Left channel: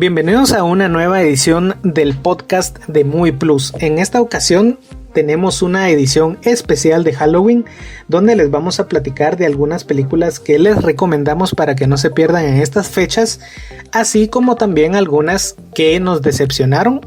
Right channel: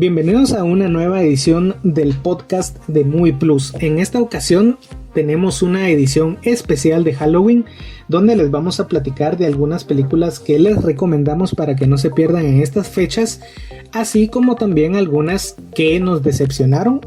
Bienvenidos a una nueva edición del podcast de Movie Plus. En esta ocasión tenemos una edición especial de Halloween donde les vamos a platicar de algunas películas que les recomendamos para que no se pierdan en estas fechas, así como también algunas que nos decepcionaron,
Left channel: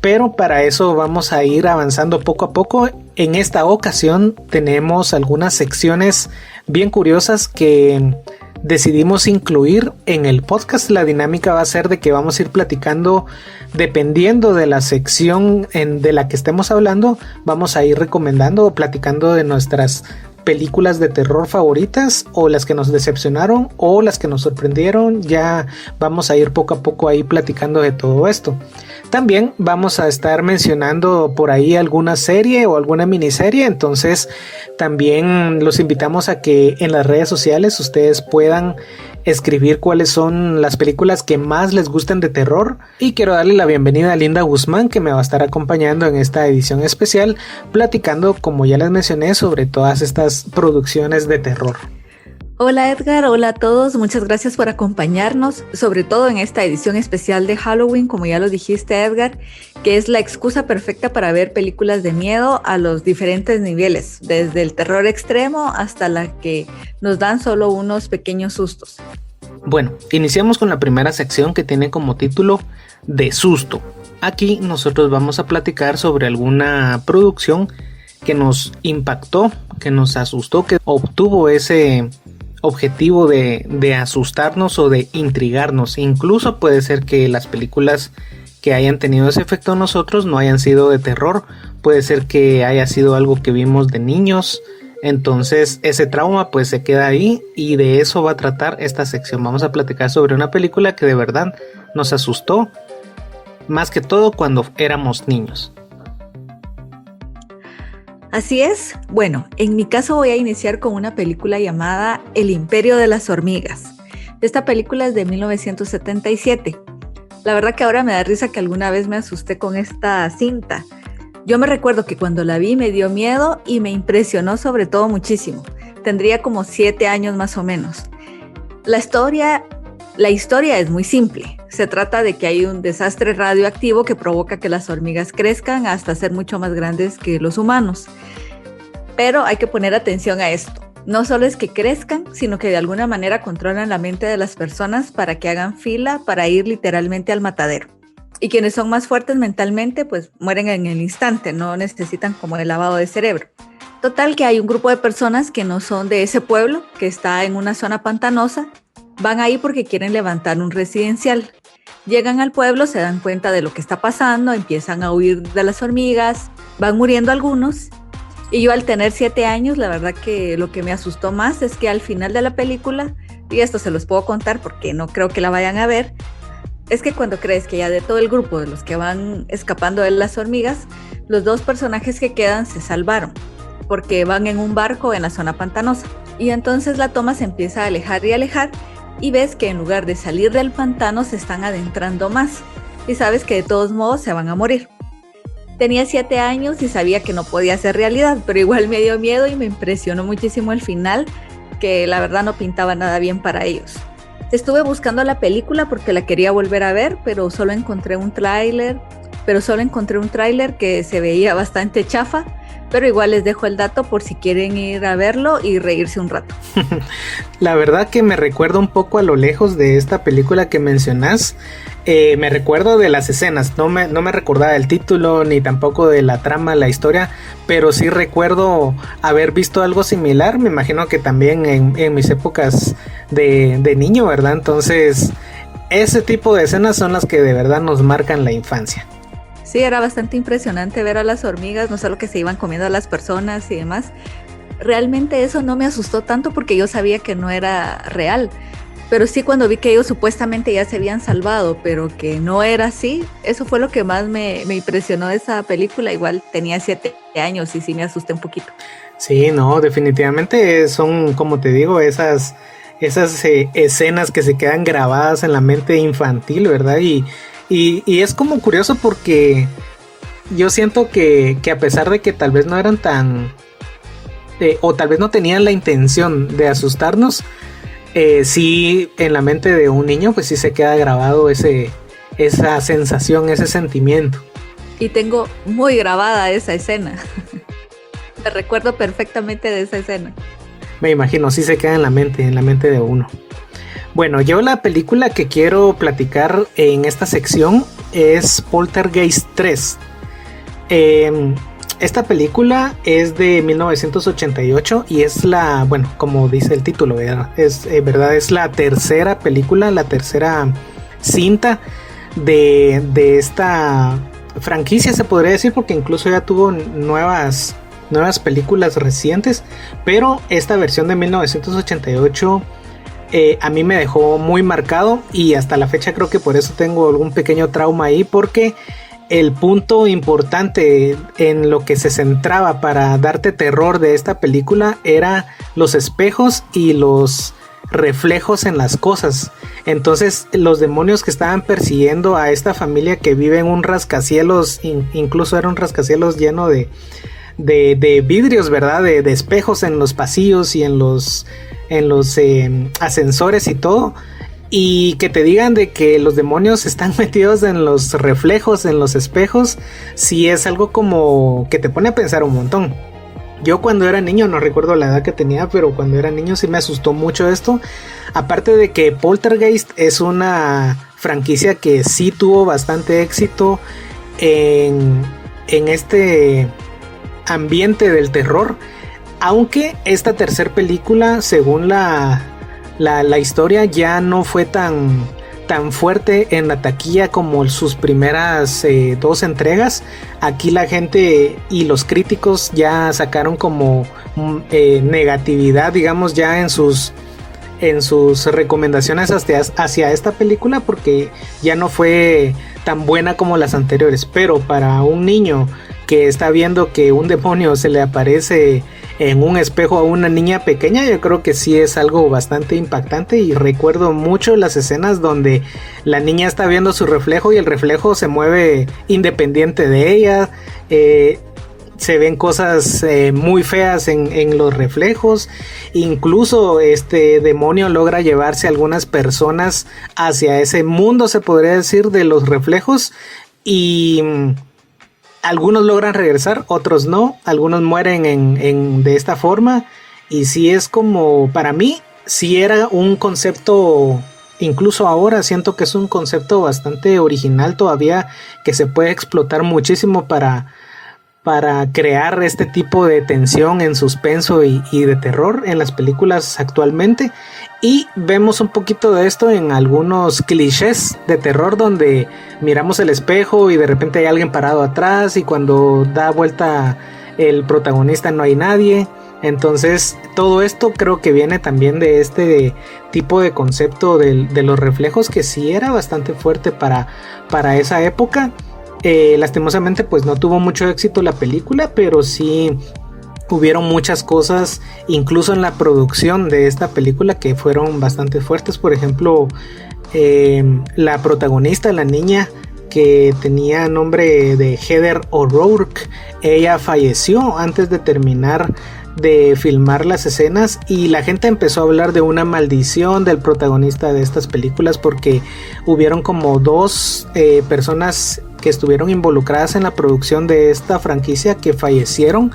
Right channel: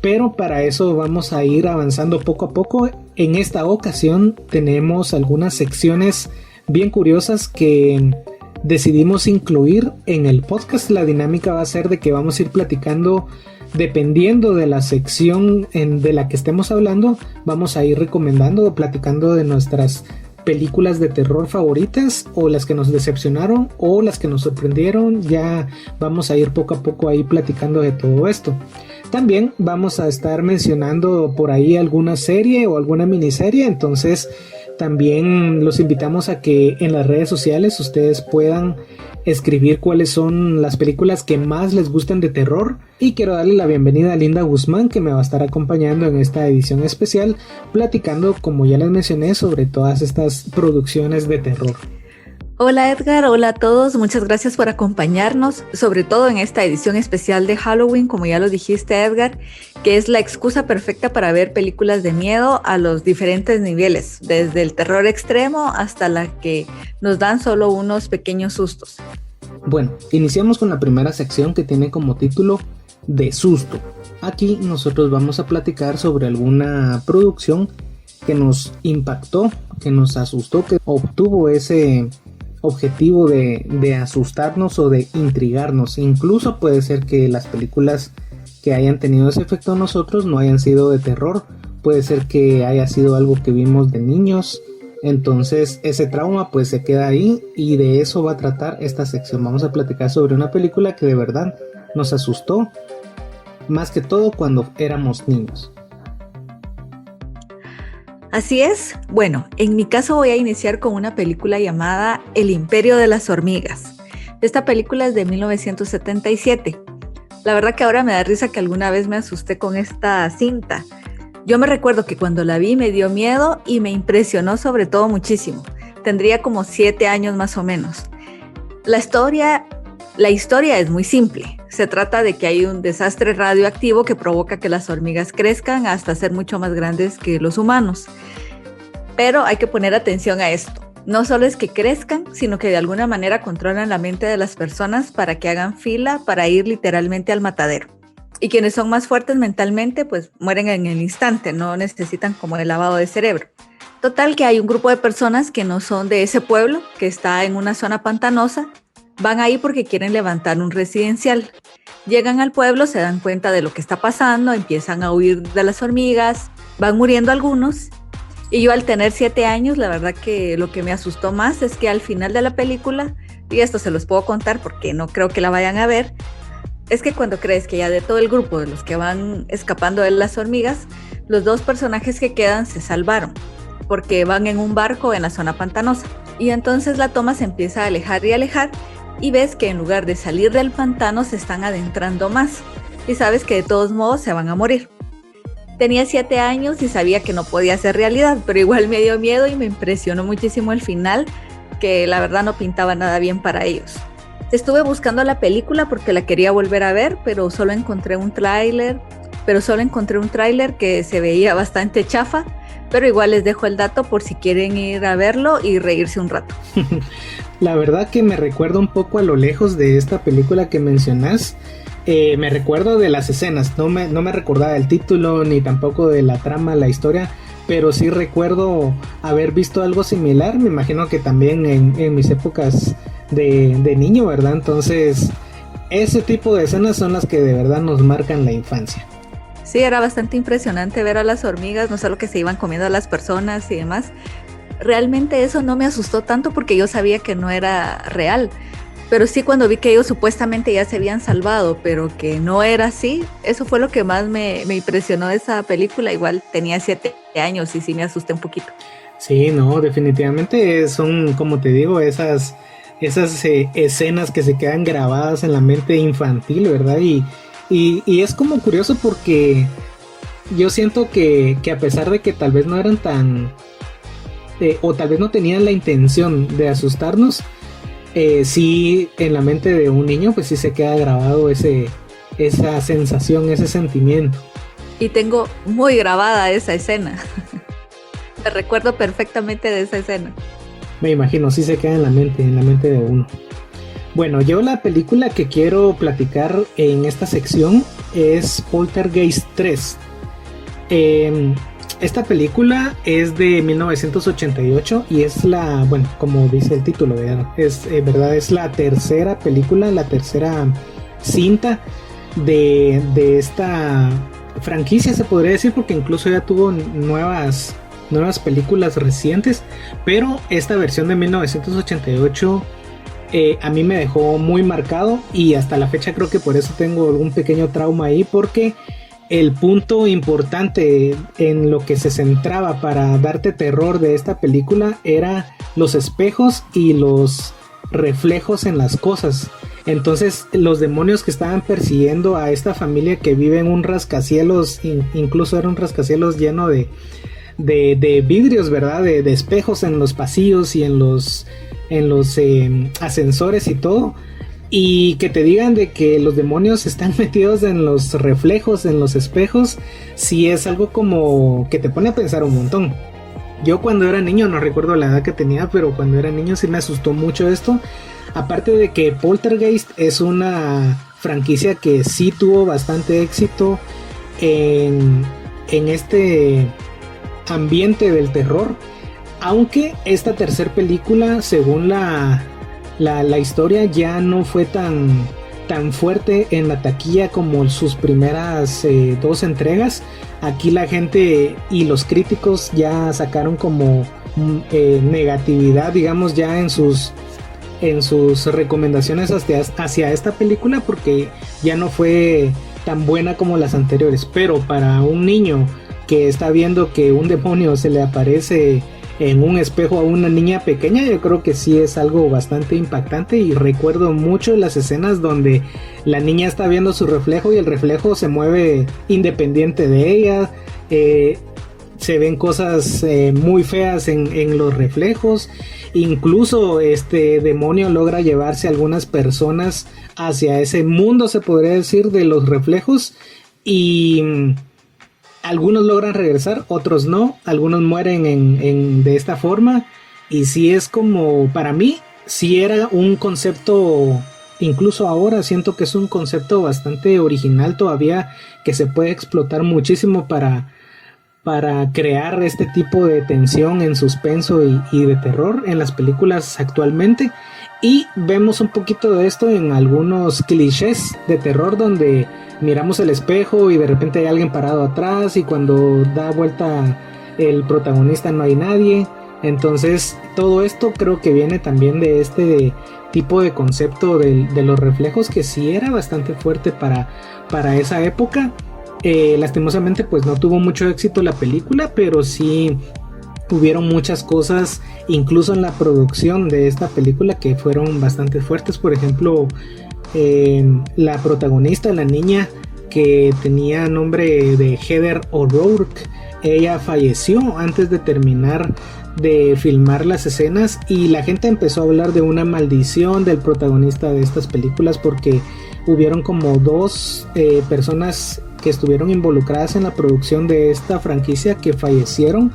pero para eso vamos a ir avanzando poco a poco. En esta ocasión tenemos algunas secciones bien curiosas que decidimos incluir en el podcast. La dinámica va a ser de que vamos a ir platicando dependiendo de la sección de la que estemos hablando. Vamos a ir recomendando o platicando de nuestras películas de terror favoritas, o las que nos decepcionaron o las que nos sorprendieron. Ya vamos a ir poco a poco ahí platicando de todo esto. También vamos a estar mencionando por ahí alguna serie o alguna miniserie, entonces también los invitamos a que en las redes sociales ustedes puedan escribir cuáles son las películas que más les gusten de terror. Y quiero darle la bienvenida a Linda Guzmán, que me va a estar acompañando en esta edición especial, platicando, como ya les mencioné, sobre todas estas producciones de terror. Hola Edgar, hola a todos, muchas gracias por acompañarnos, sobre todo en esta edición especial de Halloween, como ya lo dijiste Edgar, que es la excusa perfecta para ver películas de miedo a los diferentes niveles, desde el terror extremo hasta la que nos dan solo unos pequeños sustos. Bueno, iniciamos con la primera sección, que tiene como título De Susto. Aquí nosotros vamos a platicar sobre alguna producción que nos impactó, que nos asustó, que obtuvo ese objetivo de asustarnos o de intrigarnos. Incluso puede ser que las películas que hayan tenido ese efecto en nosotros no hayan sido de terror, puede ser que haya sido algo que vimos de niños. Entonces ese trauma pues se queda ahí, y de eso va a tratar esta sección. Vamos a platicar sobre una película que de verdad nos asustó, más que todo cuando éramos niños. Así es. Bueno, en mi caso voy a iniciar con una película llamada El Imperio de las Hormigas. Esta película es de 1977. La verdad que ahora me da risa que alguna vez me asusté con esta cinta. Yo me recuerdo que cuando la vi me dio miedo y me impresionó sobre todo muchísimo. Tendría como 7 años más o menos. La historia es muy simple. Se trata de que hay un desastre radioactivo que provoca que las hormigas crezcan hasta ser mucho más grandes que los humanos. Pero hay que poner atención a esto. No solo es que crezcan, sino que de alguna manera controlan la mente de las personas para que hagan fila para ir literalmente al matadero. Y quienes son más fuertes mentalmente, pues mueren en el instante, no necesitan como el lavado de cerebro. Total, que hay un grupo de personas que no son de ese pueblo, que está en una zona pantanosa. Van ahí porque quieren levantar un residencial. Llegan al pueblo, se dan cuenta de lo que está pasando, empiezan a huir de las hormigas, van muriendo algunos. Y yo, al tener 7 años, la verdad que lo que me asustó más es que al final de la película, y esto se los puedo contar porque no creo que la vayan a ver, es que cuando crees que ya de todo el grupo de los que van escapando de las hormigas, los 2 personajes que quedan se salvaron, porque van en un barco en la zona pantanosa. Y entonces la toma se empieza a alejar y alejar, y ves que en lugar de salir del pantano se están adentrando más, y sabes que de todos modos se van a morir. Tenía 7 años y sabía que no podía ser realidad, pero igual me dio miedo y me impresionó muchísimo el final, que la verdad no pintaba nada bien para ellos. Estuve buscando la película porque la quería volver a ver, pero solo encontré un tráiler que se veía bastante chafa. Pero igual les dejo el dato por si quieren ir a verlo y reírse un rato. La verdad que me recuerda un poco a lo lejos de esta película que mencionás. Me recuerdo de las escenas, no me recordaba el título ni tampoco de la trama, la historia, pero sí recuerdo haber visto algo similar. Me imagino que también en mis épocas de niño, ¿verdad? Entonces ese tipo de escenas son las que de verdad nos marcan la infancia. Sí, era bastante impresionante ver a las hormigas, no solo que se iban comiendo a las personas y demás. Realmente eso no me asustó tanto porque yo sabía que no era real. Pero sí, cuando vi que ellos supuestamente ya se habían salvado, pero que no era así, eso fue lo que más me impresionó de esa película. Igual tenía 7 años y sí me asusté un poquito. Sí, no, definitivamente son, como te digo, esas escenas que se quedan grabadas en la mente infantil, ¿verdad? Y es como curioso porque yo siento que a pesar de que tal vez no eran tan... o tal vez no tenían la intención de asustarnos, sí, en la mente de un niño pues sí se queda grabado ese esa sensación, ese sentimiento. Y tengo muy grabada esa escena. Me recuerdo perfectamente de esa escena. Me imagino, sí se queda en la mente de uno. Bueno, yo la película que quiero platicar en esta sección es Poltergeist 3. Esta película es de 1988 y es la, bueno, como dice el título, es la tercera película, la tercera cinta de esta franquicia, se podría decir, porque incluso ya tuvo nuevas películas recientes, pero esta versión de 1988 a mí me dejó muy marcado y hasta la fecha creo que por eso tengo algún pequeño trauma ahí, porque el punto importante en lo que se centraba para darte terror de esta película era los espejos y los reflejos en las cosas. Entonces los demonios que estaban persiguiendo a esta familia que vive en un rascacielos, incluso era un rascacielos lleno de vidrios, ¿verdad? De espejos en los pasillos y en los ascensores y todo. Y que te digan de que los demonios están metidos en los reflejos, en los espejos, sí es algo como que te pone a pensar un montón. Yo cuando era niño, no recuerdo la edad que tenía, pero cuando era niño sí me asustó mucho esto. Aparte de que Poltergeist es una franquicia que sí tuvo bastante éxito en este ambiente del terror. Aunque esta tercera película, según la historia, ya no fue tan fuerte en la taquilla como sus primeras dos entregas. Aquí la gente y los críticos ya sacaron como negatividad, digamos, ya en sus recomendaciones hacia esta película, porque ya no fue tan buena como las anteriores. Pero para un niño que está viendo que un demonio se le aparece en un espejo a una niña pequeña, yo creo que sí es algo bastante impactante. Y recuerdo mucho las escenas donde la niña está viendo su reflejo y el reflejo se mueve independiente de ella. Se ven cosas muy feas en los reflejos. Incluso este demonio logra llevarse a algunas personas hacia ese mundo, se podría decir, de los reflejos. Y algunos logran regresar, otros no. Algunos mueren de esta forma. Y sí es como, para mí, sí era un concepto, incluso ahora siento que es un concepto bastante original todavía, que se puede explotar muchísimo para crear este tipo de tensión en suspenso y de terror en las películas actualmente. Y vemos un poquito de esto en algunos clichés de terror, donde miramos el espejo y de repente hay alguien parado atrás, y cuando da vuelta el protagonista no hay nadie. Entonces todo esto creo que viene también de este tipo de concepto de los reflejos, que sí era bastante fuerte para esa época. Lastimosamente pues no tuvo mucho éxito la película, pero sí hubieron muchas cosas incluso en la producción de esta película que fueron bastante fuertes. Por ejemplo, la protagonista, la niña que tenía nombre de Heather O'Rourke, ella falleció antes de terminar de filmar las escenas, y la gente empezó a hablar de una maldición del protagonista de estas películas, porque hubieron como dos personas que estuvieron involucradas en la producción de esta franquicia que fallecieron.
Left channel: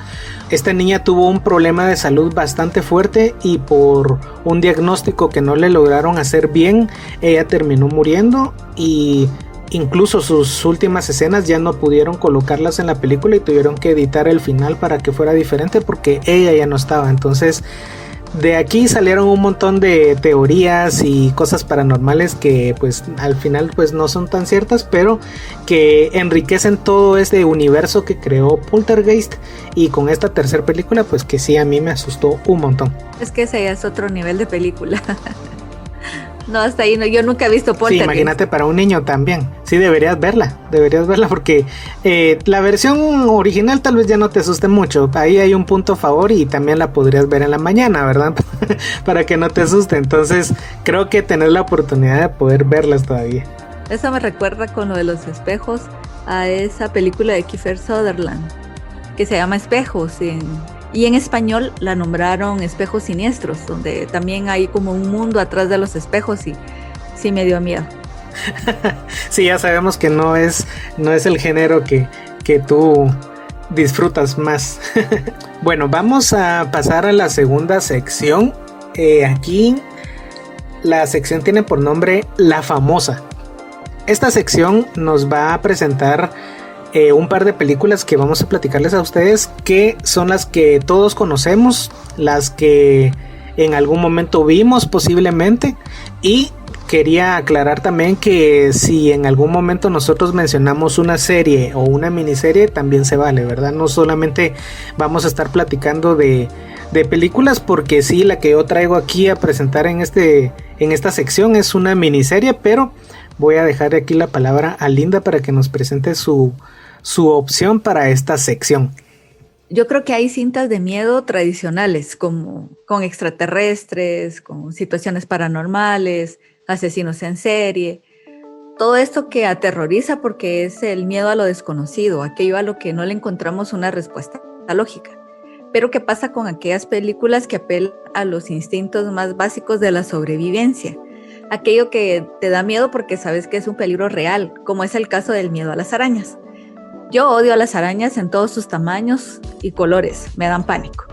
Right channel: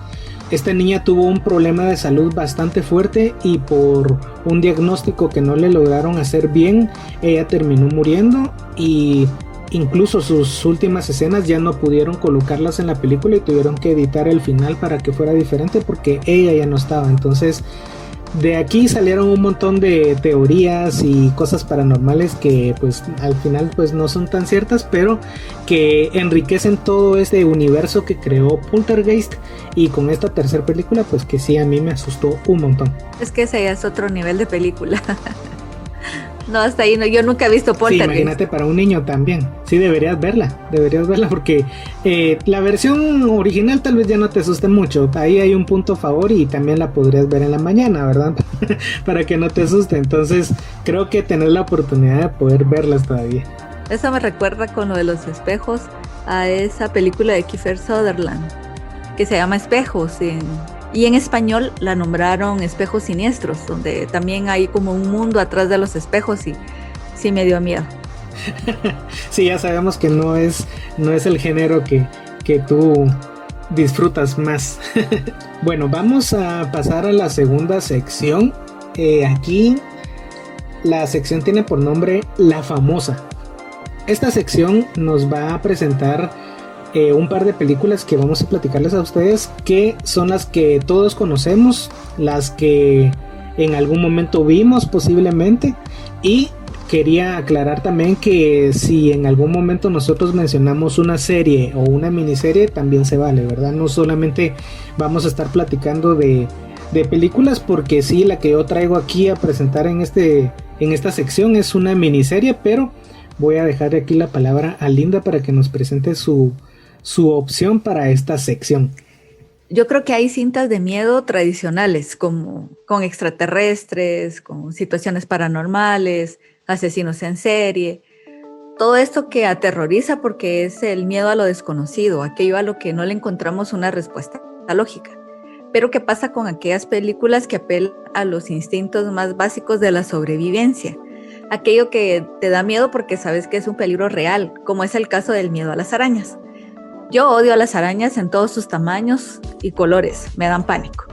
Esta niña tuvo un problema de salud bastante fuerte, y por un diagnóstico que no le lograron hacer bien, ella terminó muriendo, y incluso sus últimas escenas ya no pudieron colocarlas en la película y tuvieron que editar el final para que fuera diferente, porque ella ya no estaba. Entonces de aquí salieron un montón de teorías y cosas paranormales que pues al final pues no son tan ciertas, pero que enriquecen todo este universo que creó Poltergeist. Y con esta tercera película pues que sí, a mí me asustó un montón. Es que ese ya es otro nivel de película. No, hasta ahí no, yo nunca he visto Poltergeist. Sí, imagínate para un niño también. Sí, deberías verla porque la versión original tal vez ya no te asuste mucho. Ahí hay un punto a favor, y también la podrías ver en la mañana, ¿verdad? Para que no te asuste. Entonces creo que tener la oportunidad de poder verlas todavía. Eso me recuerda con lo de los espejos a esa película de Kiefer Sutherland que se llama Espejos, y en español la nombraron Espejos Siniestros, donde también hay como un mundo atrás de los espejos, y sí me dio miedo. Sí, ya sabemos que no es el género que tú disfrutas más. Bueno, vamos a pasar a la segunda sección. Aquí la sección tiene por nombre La Famosa. Esta sección nos va a presentar un par de películas que vamos a platicarles a ustedes, que son las que todos conocemos, las que en algún momento vimos posiblemente, y quería aclarar también que si en algún momento nosotros mencionamos una serie o una miniserie, también se vale, ¿verdad? No solamente vamos a estar platicando de películas, porque sí, la que yo traigo aquí a presentar en esta sección es una miniserie, pero voy a dejar aquí la palabra a Linda para que nos presente su opción para esta sección. Yo creo que hay cintas de miedo tradicionales, como con extraterrestres, con situaciones paranormales, asesinos en serie, todo esto que aterroriza porque es el miedo a lo desconocido, aquello a lo que no le encontramos una respuesta lógica. Pero ¿qué pasa con aquellas películas que apelan a los instintos más básicos de la sobrevivencia? Aquello que te da miedo porque sabes que es un peligro real, como es el caso del miedo a las arañas. Yo odio a las arañas en todos sus tamaños y colores, me dan pánico.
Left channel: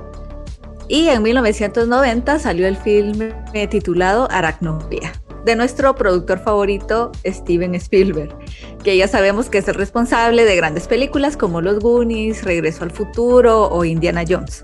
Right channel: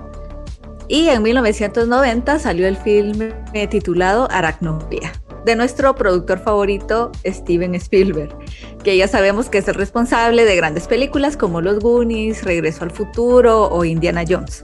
Y en 1990 salió el filme titulado Arachnofobia, de nuestro productor favorito Steven Spielberg, que ya sabemos que es el responsable de grandes películas como Los Goonies, Regreso al Futuro o Indiana Jones.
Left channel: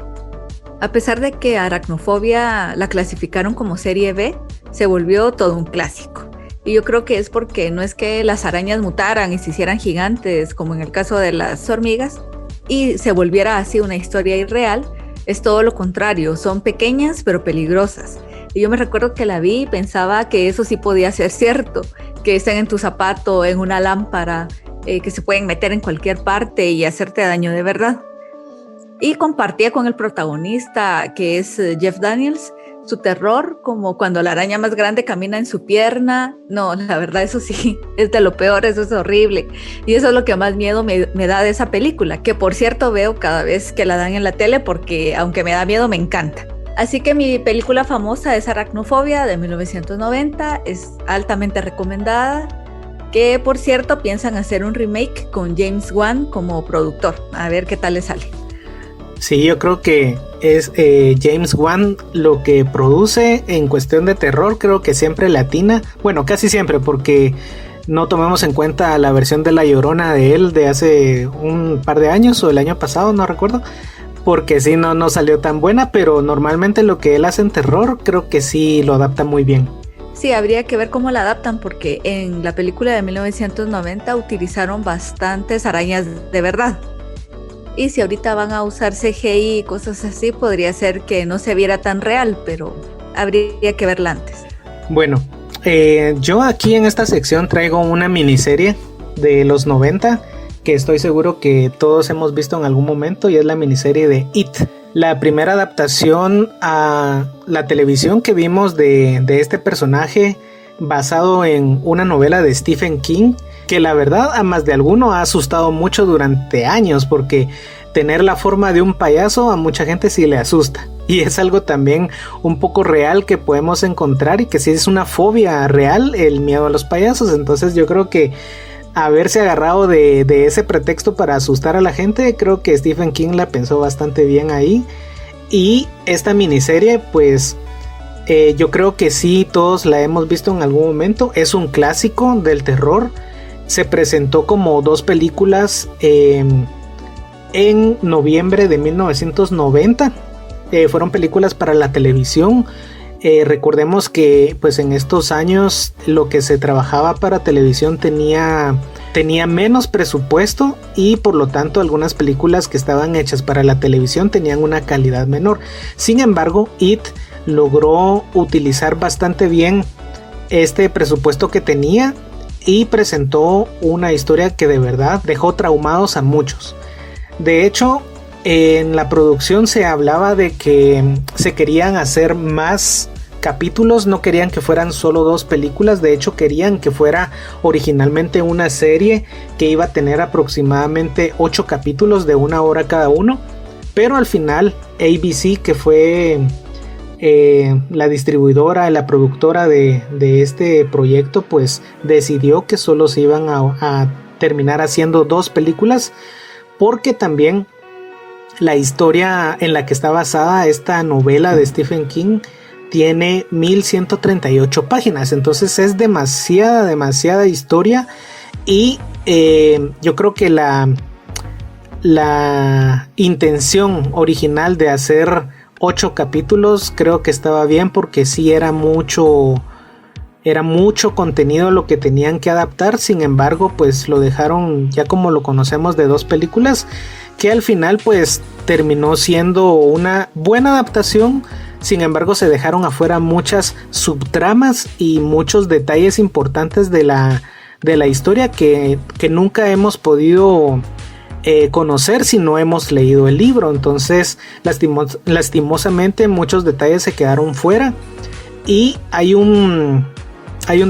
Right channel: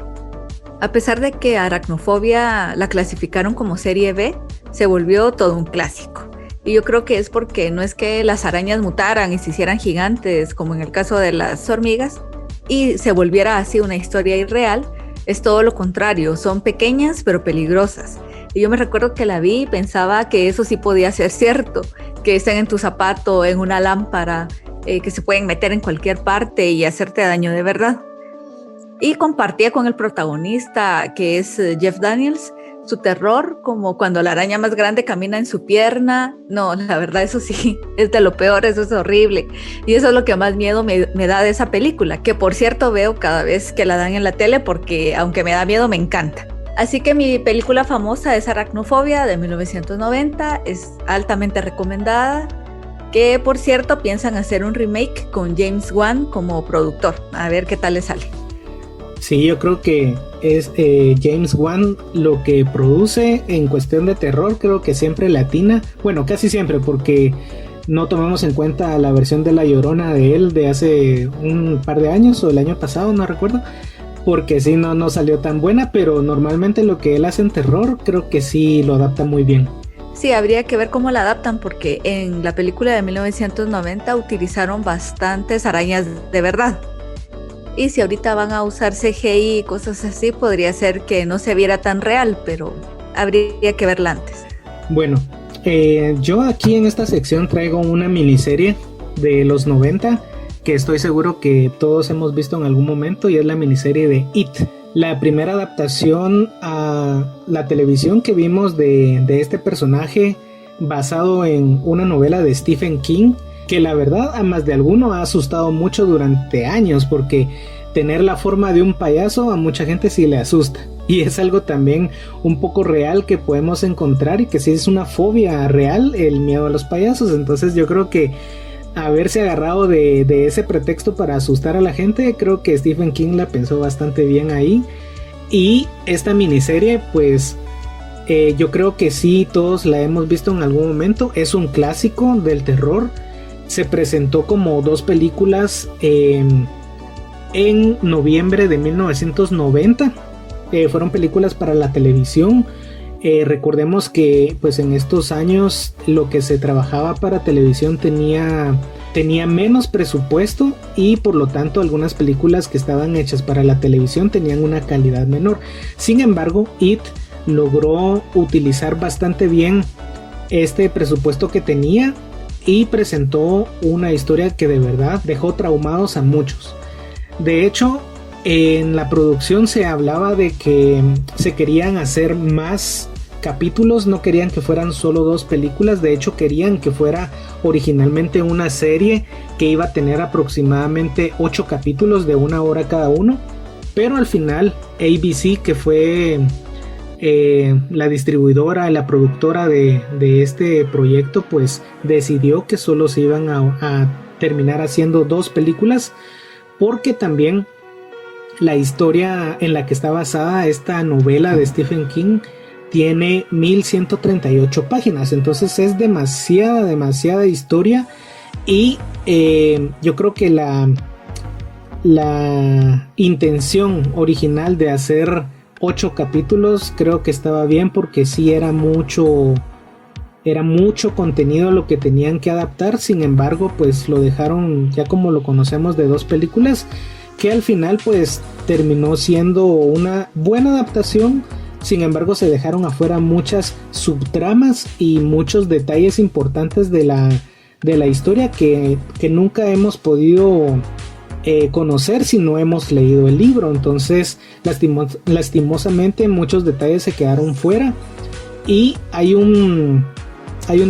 A pesar de que Arachnofobia la clasificaron como serie B, se volvió todo un clásico. Y yo creo que es porque no es que las arañas mutaran y se hicieran gigantes, como en el caso de las hormigas, y se volviera así una historia irreal, es todo lo contrario, son pequeñas pero peligrosas. Y yo me recuerdo que la vi y pensaba que eso sí podía ser cierto, que estén en tu zapato, en una lámpara, que se pueden meter en cualquier parte y hacerte daño de verdad. Y compartía con el protagonista, que es Jeff Daniels, su terror, como cuando la araña más grande camina en su pierna. No, la verdad, eso sí, es de lo peor, eso es horrible. Y eso es lo que más miedo me da de esa película, que por cierto veo cada vez que la dan en la tele, porque aunque me da miedo, me encanta. Así que mi película famosa es Arachnofobia de 1990, es altamente recomendada, que por cierto piensan hacer un remake con James Wan como productor, a ver qué tal le sale. Sí, yo creo que es James Wan lo que produce en cuestión de terror, creo que siempre latina, bueno, casi siempre, porque no tomemos en cuenta la versión de La Llorona de él de hace un par de años o el año pasado, no recuerdo, porque sí, no salió tan buena, pero normalmente lo que él hace en terror creo que sí lo adapta muy bien. Sí, habría que ver cómo la adaptan, porque en la película de 1990 utilizaron bastantes arañas de verdad. Y si ahorita van a usar CGI y cosas así, podría ser que no se viera tan real, pero habría que verla antes. Bueno, yo aquí en esta sección traigo una miniserie de los 90 que estoy seguro que todos hemos visto en algún momento, y es la miniserie de It. La primera adaptación a la televisión que vimos de este personaje, basado en una novela de Stephen King, que la verdad a más de alguno ha asustado mucho durante años, porque tener la forma de un payaso a mucha gente sí le asusta, y es algo también un poco real que podemos encontrar, y que sí es una fobia real, el miedo a los payasos. Entonces yo creo que haberse agarrado de ese pretexto para asustar a la gente, creo que Stephen King la pensó bastante bien ahí. Y esta miniserie, pues yo creo que sí, todos la hemos visto en algún momento, es un clásico del terror. Se presentó como 2 películas en noviembre de 1990. Fueron películas para la televisión. Recordemos que pues en estos años lo que se trabajaba para televisión tenía menos presupuesto, y por lo tanto algunas películas que estaban hechas para la televisión tenían una calidad menor. Sin embargo, It logró utilizar bastante bien este presupuesto que tenía y presentó una historia que de verdad dejó traumados a muchos. De hecho, en la producción se hablaba de que se querían hacer más capítulos, no querían que fueran solo 2 películas, de hecho querían que fuera originalmente una serie que iba a tener aproximadamente 8 capítulos de 1 hora cada uno, pero al final ABC, que fue la distribuidora, la productora de este proyecto, pues decidió que solo se iban a terminar haciendo 2 películas, porque también la historia en la que está basada esta novela de Stephen King tiene 1138 páginas, entonces es demasiada historia. Y yo creo que la intención original de hacer 8 capítulos creo que estaba bien, porque sí era mucho contenido lo que tenían que adaptar. Sin embargo, pues lo dejaron ya como lo conocemos, de 2 películas, que al final pues terminó siendo una buena adaptación. Sin embargo, se dejaron afuera muchas subtramas y muchos detalles importantes de la historia que nunca hemos podido conocer si no hemos leído el libro. Entonces, lastimosamente muchos detalles se quedaron fuera. Y hay un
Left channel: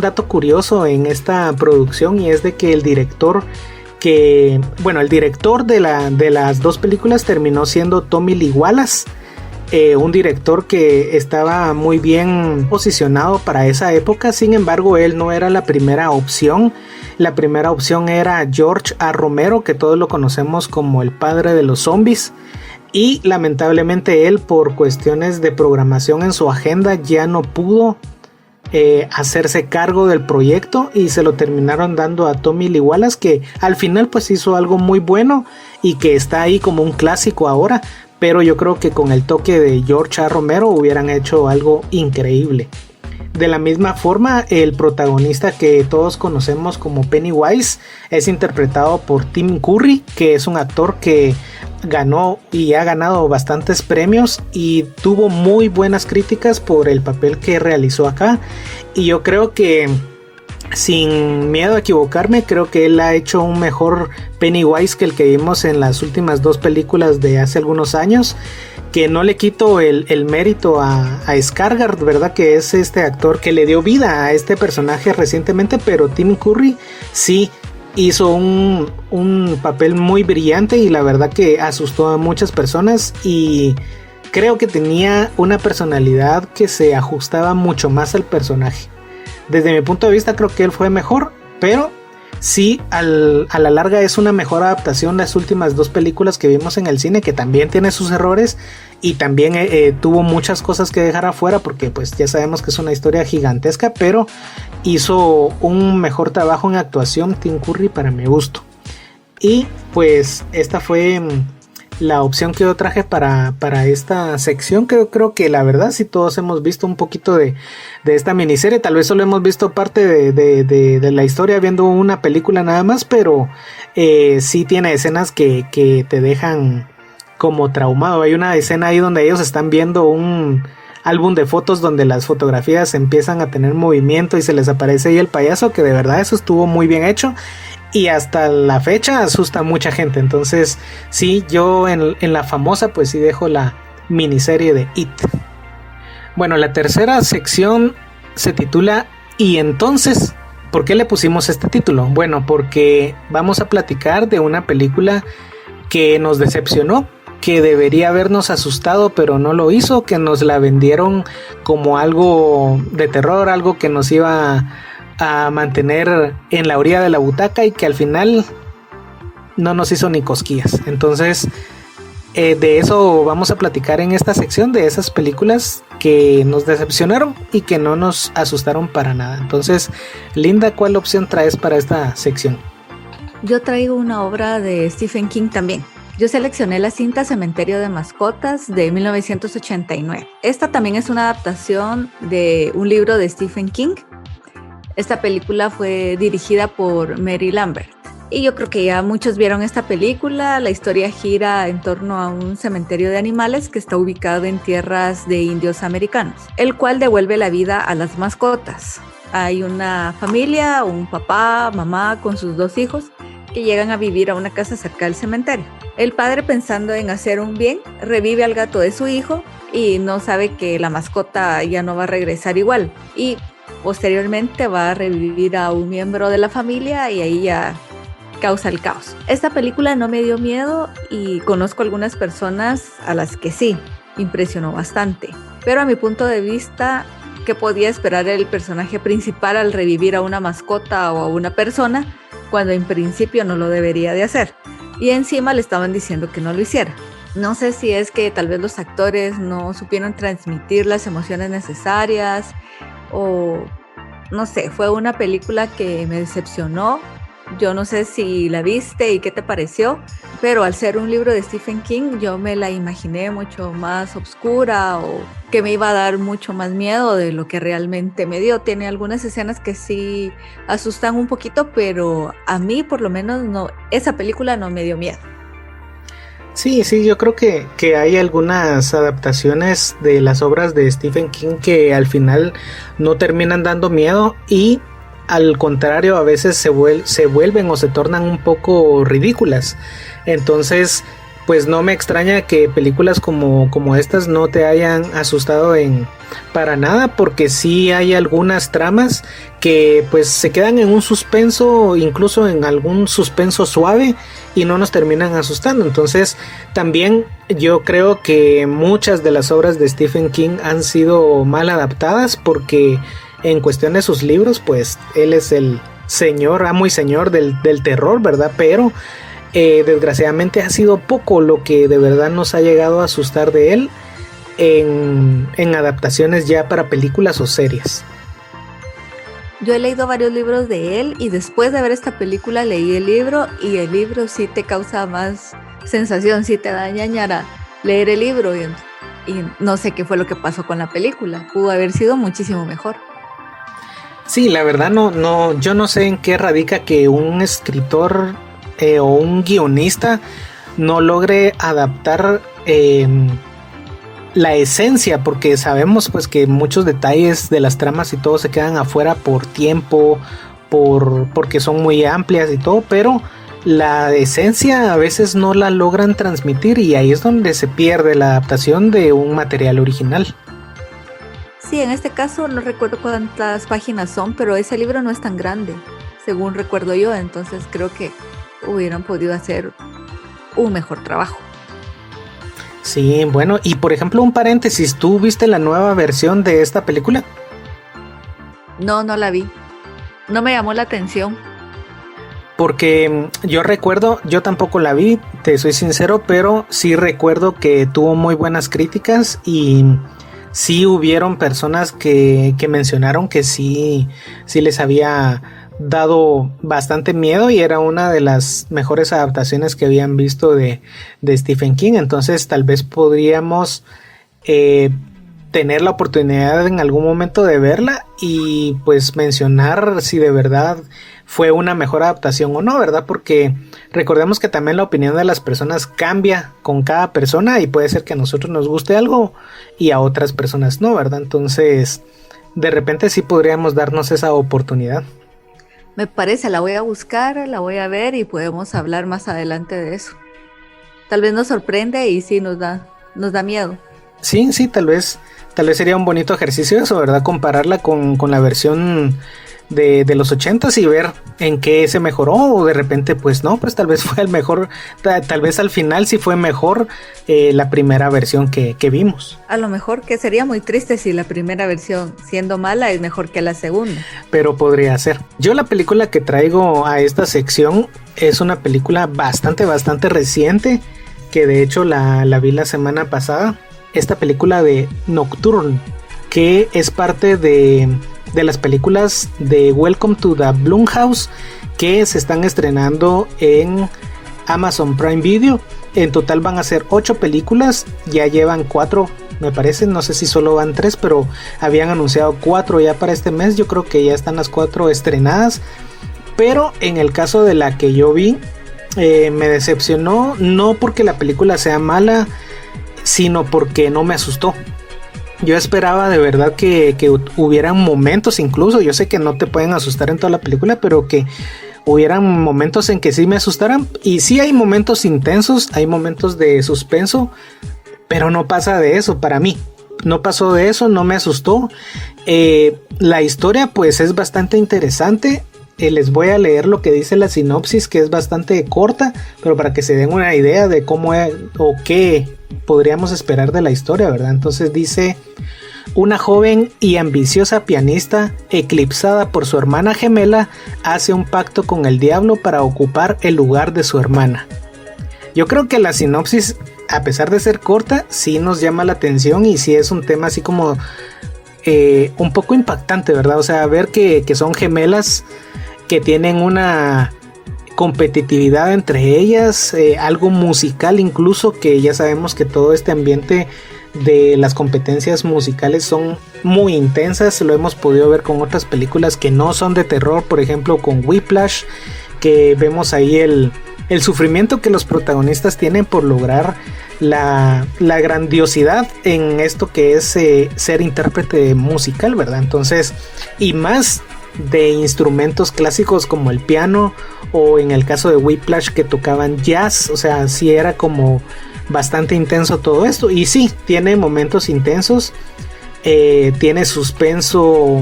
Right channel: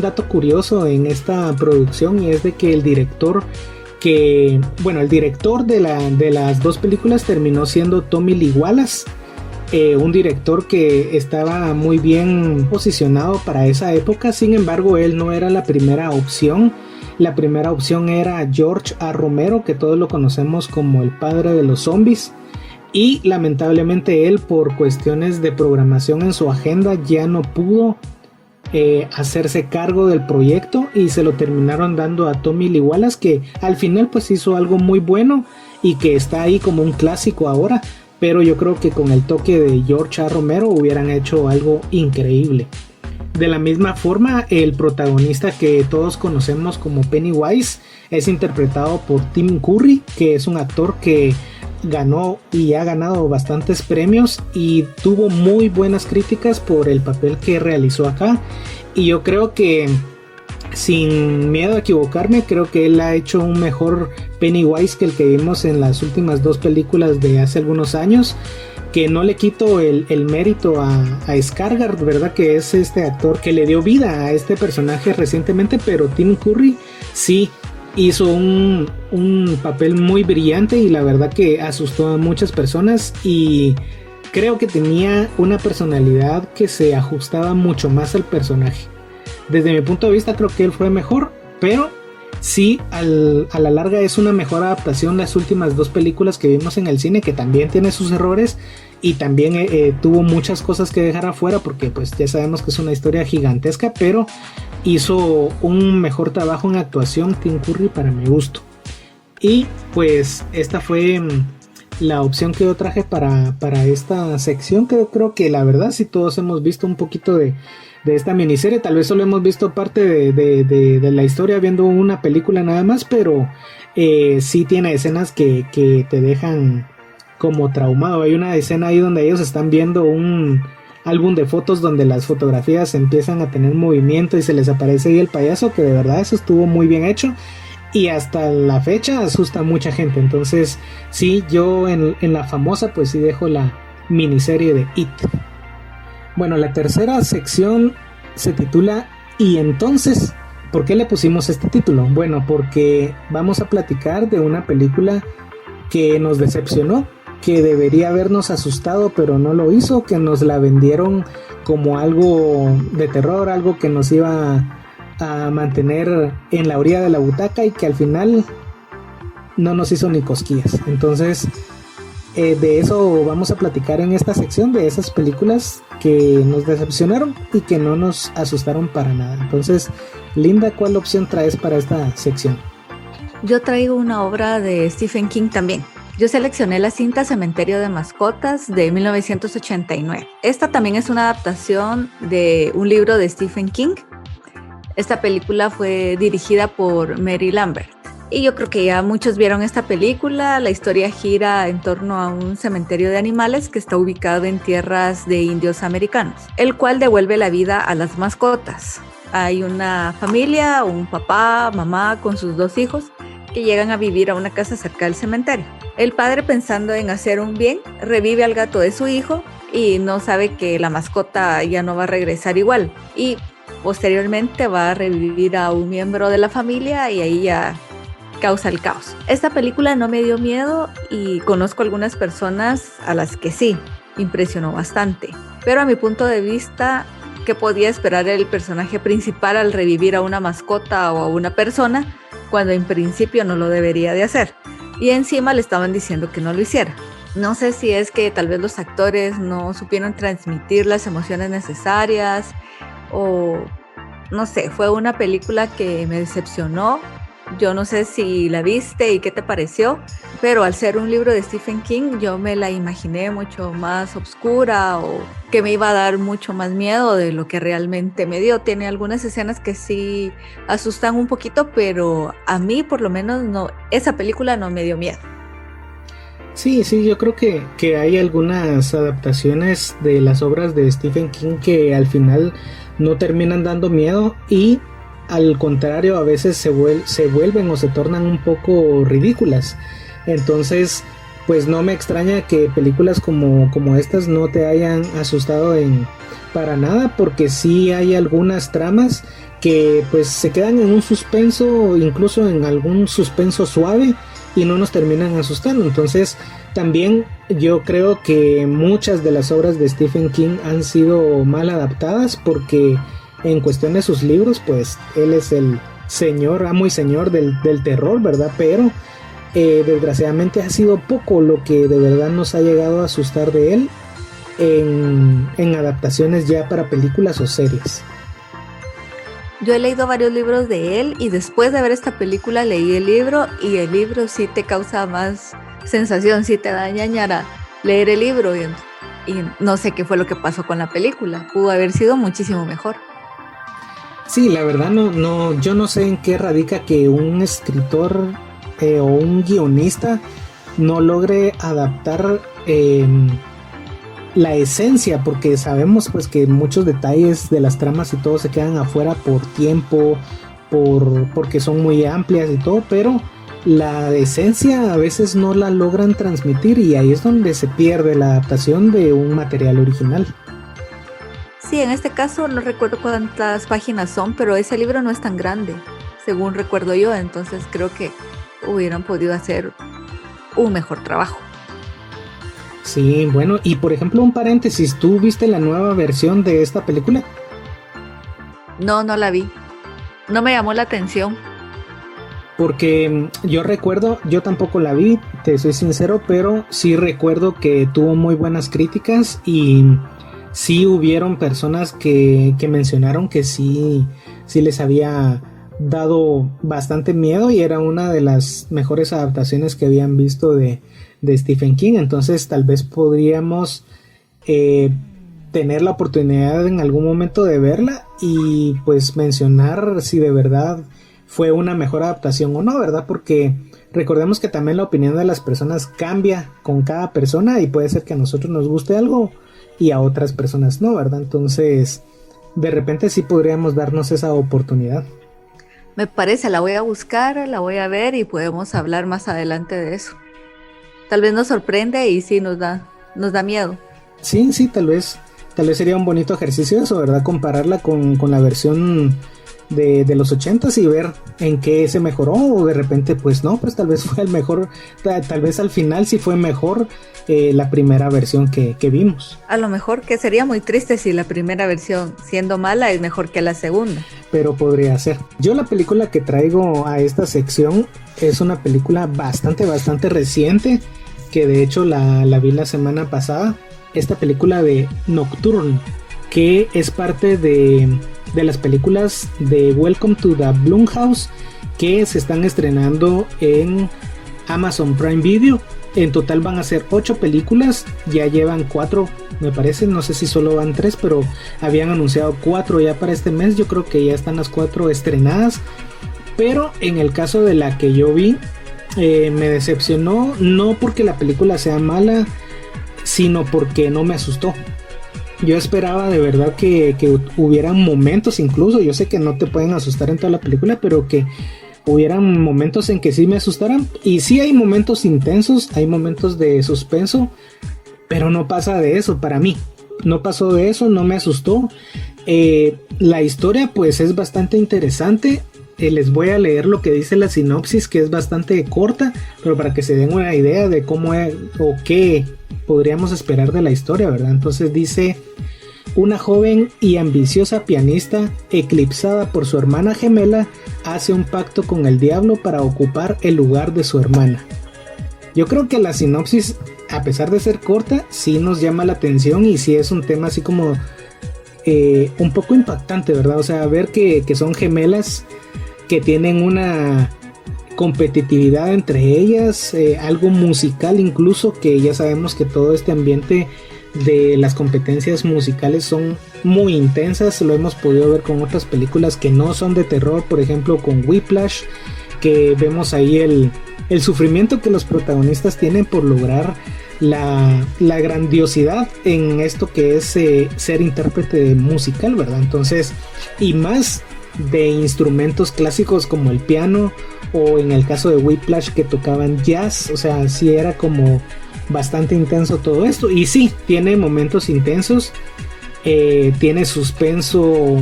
dato curioso en esta producción, y es de que el director de las 2 películas terminó siendo Tommy Lee Wallace, un director que estaba muy bien posicionado para esa época. Sin embargo, él no era la primera opción. La primera opción era George A. Romero, que todos lo conocemos como el padre de los zombies, y lamentablemente él, por cuestiones de programación en su agenda, ya no pudo hacerse cargo del proyecto, y se lo terminaron dando a Tommy Lee Wallace, que al final pues hizo algo muy bueno y que está ahí como un clásico ahora. Pero yo creo que con el toque de George A. Romero hubieran hecho algo increíble. De la misma forma, el protagonista que todos conocemos como Pennywise es interpretado por Tim Curry, que es un actor que ganó y ha ganado bastantes premios y tuvo muy buenas críticas por el papel que realizó acá. Y yo creo que, sin miedo a equivocarme, creo que él ha hecho un mejor Pennywise que el que vimos en las últimas 2 películas de hace algunos años, que no le quito el mérito a Skarsgård, ¿verdad? Que es este actor que le dio vida a este personaje recientemente, pero Tim Curry sí hizo un papel muy brillante, y la verdad que asustó a muchas personas, y creo que tenía una personalidad que se ajustaba mucho más al personaje. Desde mi punto de vista creo que él fue mejor, pero sí, a la larga es una mejor adaptación las últimas 2 películas que vimos en el cine, que también tiene sus errores y también tuvo muchas cosas que dejar afuera, porque pues ya sabemos que es una historia gigantesca, pero hizo un mejor trabajo en actuación Tim Curry para mi gusto. Y pues esta fue la opción que yo traje para esta sección, que yo creo que la verdad sí todos hemos visto un poquito de esta miniserie. Tal vez solo hemos visto parte de la historia viendo una película nada más, pero sí tiene escenas que te dejan como traumado. Hay una escena ahí donde ellos están viendo un álbum de fotos donde las fotografías empiezan a tener movimiento y se les aparece ahí el payaso, que de verdad eso estuvo muy bien hecho. Y hasta la fecha asusta a mucha gente. Entonces sí, yo en la famosa pues sí dejo la miniserie de It. Bueno, la tercera sección se titula ¿Y entonces? ¿Por qué le pusimos este título? Bueno, porque vamos a platicar de una película que nos decepcionó, que debería habernos asustado pero no lo hizo, que nos la vendieron como algo de terror, algo que nos iba a mantener en la orilla de la butaca, y que al final no nos hizo ni cosquillas. Entonces de eso vamos a platicar en esta sección, de esas películas que nos decepcionaron y que no nos asustaron para nada. Entonces, Linda, ¿cuál opción traes para esta sección? Yo traigo una obra de Stephen King también. Yo seleccioné la cinta Cementerio de Mascotas de 1989. Esta también es una adaptación de un libro de Stephen King. Esta película fue dirigida por Mary Lambert. Y yo creo que ya muchos vieron esta película. La historia gira en torno a un cementerio de animales que está ubicado en tierras de indios americanos, el cual devuelve la vida a las mascotas. Hay una familia, un papá, mamá con sus 2 hijos que llegan a vivir a una casa cerca del cementerio. El padre, pensando en hacer un bien, revive al gato de su hijo y no sabe que la mascota ya no va a regresar igual. Y posteriormente va a revivir a un miembro de la familia y ahí ya causa el caos. Esta película no me dio miedo y conozco algunas personas a las que sí. impresionó bastante. Pero a mi punto de vista, ¿qué podía esperar el personaje principal al revivir a una mascota o a una persona cuando en principio no lo debería de hacer? Y encima le estaban diciendo que no lo hiciera. No sé si es que tal vez los actores no supieron transmitir las emociones necesarias o no sé, fue una película que me decepcionó. Yo no sé si la viste y qué te pareció, pero al ser un libro de Stephen King yo me la imaginé mucho más oscura o que me iba a dar mucho más miedo de lo que realmente me dio. Tiene algunas escenas que sí asustan un poquito, pero a mí por lo menos no, esa película no me dio miedo. Sí, yo creo que hay algunas adaptaciones de las obras de Stephen King que al final no terminan dando miedo y al contrario a veces se vuelven o se tornan un poco ridículas. Entonces pues no me extraña que películas como estas no te hayan asustado para nada, porque sí hay algunas tramas que pues se quedan en un suspenso, incluso en algún suspenso suave, y no nos terminan asustando. Entonces también yo creo que muchas de las obras de Stephen King han sido mal adaptadas, porque en cuestión de sus libros pues él es el señor, amo y señor del terror, ¿verdad? Pero desgraciadamente ha sido poco lo que de verdad nos ha llegado a asustar de él en adaptaciones ya para películas o series. Yo he leído varios libros de él y después de ver esta película leí el libro y el libro sí te causa más sensación, sí te da ñañara leer el libro y no sé qué fue lo que pasó con la película, pudo haber sido muchísimo mejor. Sí, la verdad no, yo no sé en qué radica que un escritor o un guionista no logre adaptar la esencia, porque sabemos pues que muchos detalles de las tramas y todo se quedan afuera por tiempo, porque son muy amplias y todo, pero la esencia a veces no la logran transmitir y ahí es donde se pierde la adaptación de un material original. Sí, en este caso no recuerdo cuántas páginas son, pero ese libro no es tan grande, según recuerdo yo, entonces creo que hubieran podido hacer un mejor trabajo. Sí, bueno, y por ejemplo un paréntesis, ¿tú viste la nueva versión de esta película? No la vi, no me llamó la atención. Porque yo recuerdo, yo tampoco la vi, te soy sincero, pero sí recuerdo que tuvo muy buenas críticas y sí hubieron personas que mencionaron que sí les había dado bastante miedo y era una de las mejores adaptaciones que habían visto de Stephen King. Entonces tal vez podríamos tener la oportunidad en algún momento de verla y pues mencionar si de verdad fue una mejor adaptación o no, ¿verdad? Porque recordemos que también la opinión de las personas cambia con cada persona y puede ser que a nosotros nos guste algo y a otras personas no, ¿verdad? Entonces de repente sí podríamos darnos esa oportunidad. Me parece, la voy a buscar, la voy a ver y podemos hablar más adelante de eso. Tal vez nos sorprende y sí nos da miedo. Sí, tal vez sería un bonito ejercicio eso, ¿verdad? Compararla con la versión de los 80s y ver en qué se mejoró, o de repente pues no, pues tal vez fue el mejor, tal vez al final sí fue mejor la primera versión que vimos. A lo mejor, que sería muy triste si la primera versión siendo mala es mejor que la segunda. Pero podría ser. Yo la película que traigo a esta sección es una película bastante reciente, que de hecho la vi la semana pasada. Esta película de Nocturne, que es parte de las películas de Welcome to the Blumhouse, que se están estrenando en Amazon Prime Video. En total van a ser 8 películas, ya llevan 4 me parece, no sé si solo van 3, pero habían anunciado 4 ya para este mes. Yo creo que ya están las 4 estrenadas, pero en el caso de la que yo vi me decepcionó, no porque la película sea mala, sino porque no me asustó. Yo esperaba de verdad que hubieran momentos, incluso yo sé que no te pueden asustar en toda la película, pero que hubieran momentos en que sí me asustaran. Y sí hay momentos intensos, hay momentos de suspenso, pero no pasa de eso para mí. No pasó de eso, no me asustó. La historia pues es bastante interesante. les voy a leer lo que dice la sinopsis, que es bastante corta, pero para que se den una idea de cómo es, o qué podríamos esperar de la historia, ¿verdad? Entonces dice: una joven y ambiciosa pianista, eclipsada por su hermana gemela, hace un pacto con el diablo para ocupar el lugar de su hermana. Yo creo que la sinopsis, a pesar de ser corta, sí nos llama la atención y sí es un tema así como un poco impactante, ¿verdad? O sea, ver que son gemelas, que tienen una competitividad entre ellas, algo musical incluso, que ya sabemos que todo este ambiente de las competencias musicales son muy intensas. Lo hemos podido ver con otras películas que no son de terror, por ejemplo con Whiplash, que vemos ahí el sufrimiento que los protagonistas tienen por lograr la grandiosidad en esto que es ser intérprete musical, ¿verdad? Entonces, y más de instrumentos clásicos como el piano, o en el caso de Whiplash que tocaban jazz, o sea, sí era como bastante intenso todo esto. Y sí, tiene momentos intensos, tiene suspenso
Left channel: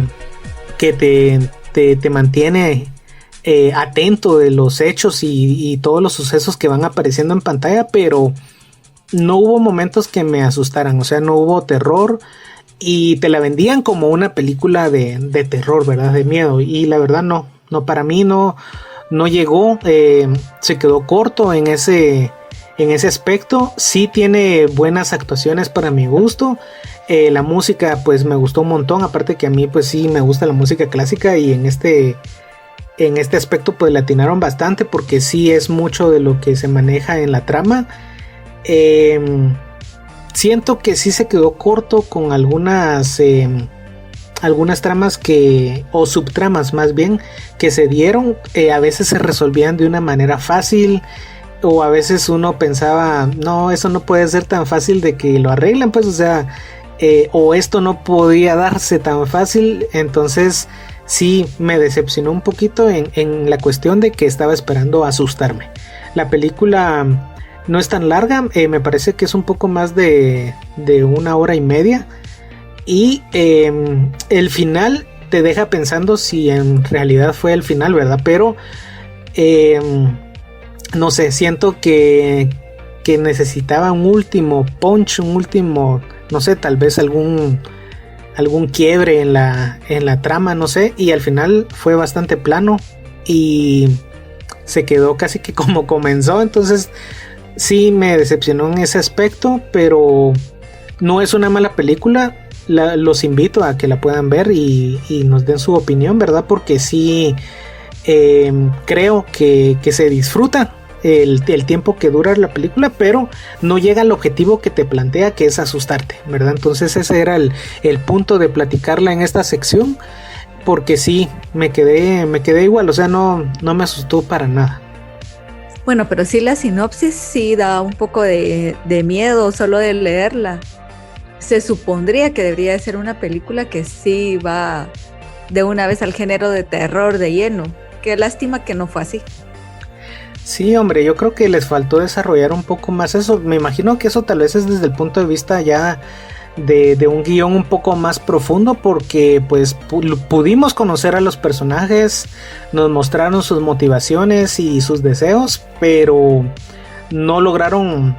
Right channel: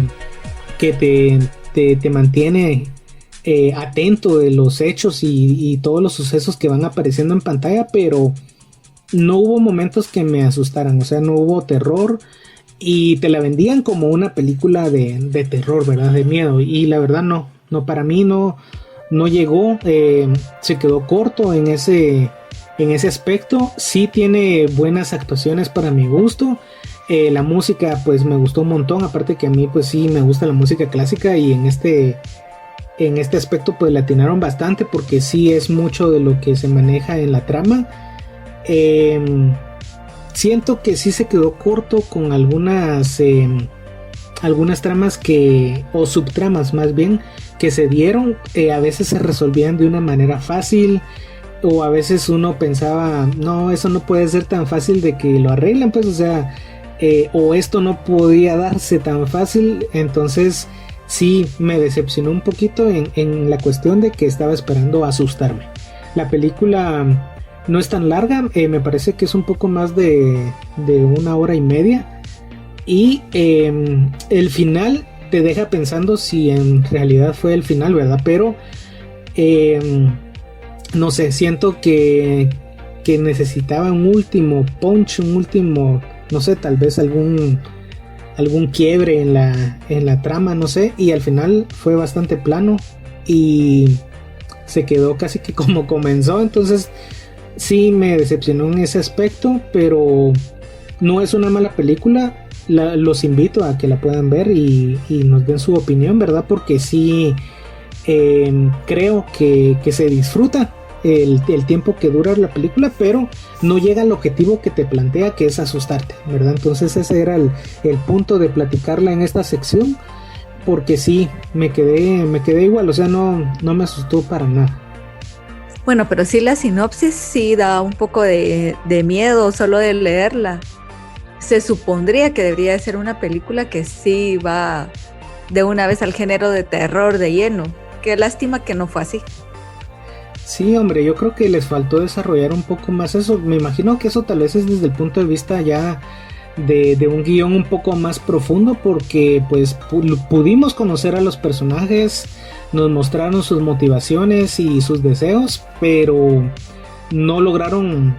que te mantiene atento de los hechos y todos los sucesos que van apareciendo en pantalla, pero no hubo momentos que me asustaran, o sea, no hubo terror, y te la vendían como una película de terror, ¿verdad? De miedo, y la verdad no, para mí no llegó, se quedó corto en ese aspecto. Sí tiene buenas actuaciones para mi gusto, la música pues me gustó un montón, aparte que a mí pues sí me gusta la música clásica, y en este aspecto pues le atinaron bastante, porque sí es mucho de lo que se maneja en la trama. Siento que sí se quedó corto con algunas tramas o subtramas más bien, que se dieron, a veces se resolvían de una manera fácil, o a veces uno pensaba, no, eso no puede ser tan fácil de que lo arreglen, pues, o sea, o esto no podía darse tan fácil. Entonces sí me decepcionó un poquito en la cuestión de que estaba esperando asustarme. La película no es tan larga, me parece que es un poco más de 1 hora y media, y el final te deja pensando si en realidad fue el final, ¿verdad? Pero no sé, siento que necesitaba un último punch, no sé, tal vez algún quiebre en la trama, no sé, y al final fue bastante plano y se quedó casi que como comenzó. Entonces sí me decepcionó en ese aspecto, pero no es una mala película. Los invito a que la puedan ver y nos den su opinión, ¿verdad? Porque sí creo que se disfruta el tiempo que dura la película, pero no llega al objetivo que te plantea, que es asustarte, ¿verdad? Entonces ese era el punto de platicarla en esta sección, porque sí, me quedé igual, o sea, no me asustó para nada. Bueno, pero sí, la sinopsis sí da un poco de miedo solo de leerla. Se supondría que debería de ser una película que sí va de una vez al género de terror de lleno. Qué lástima que no fue así. Sí, hombre, yo creo que les faltó desarrollar un poco más eso. Me imagino que eso tal vez es desde el punto de vista ya de un guión un poco más profundo, porque pues pudimos conocer a los personajes, nos mostraron sus motivaciones y sus deseos, pero no lograron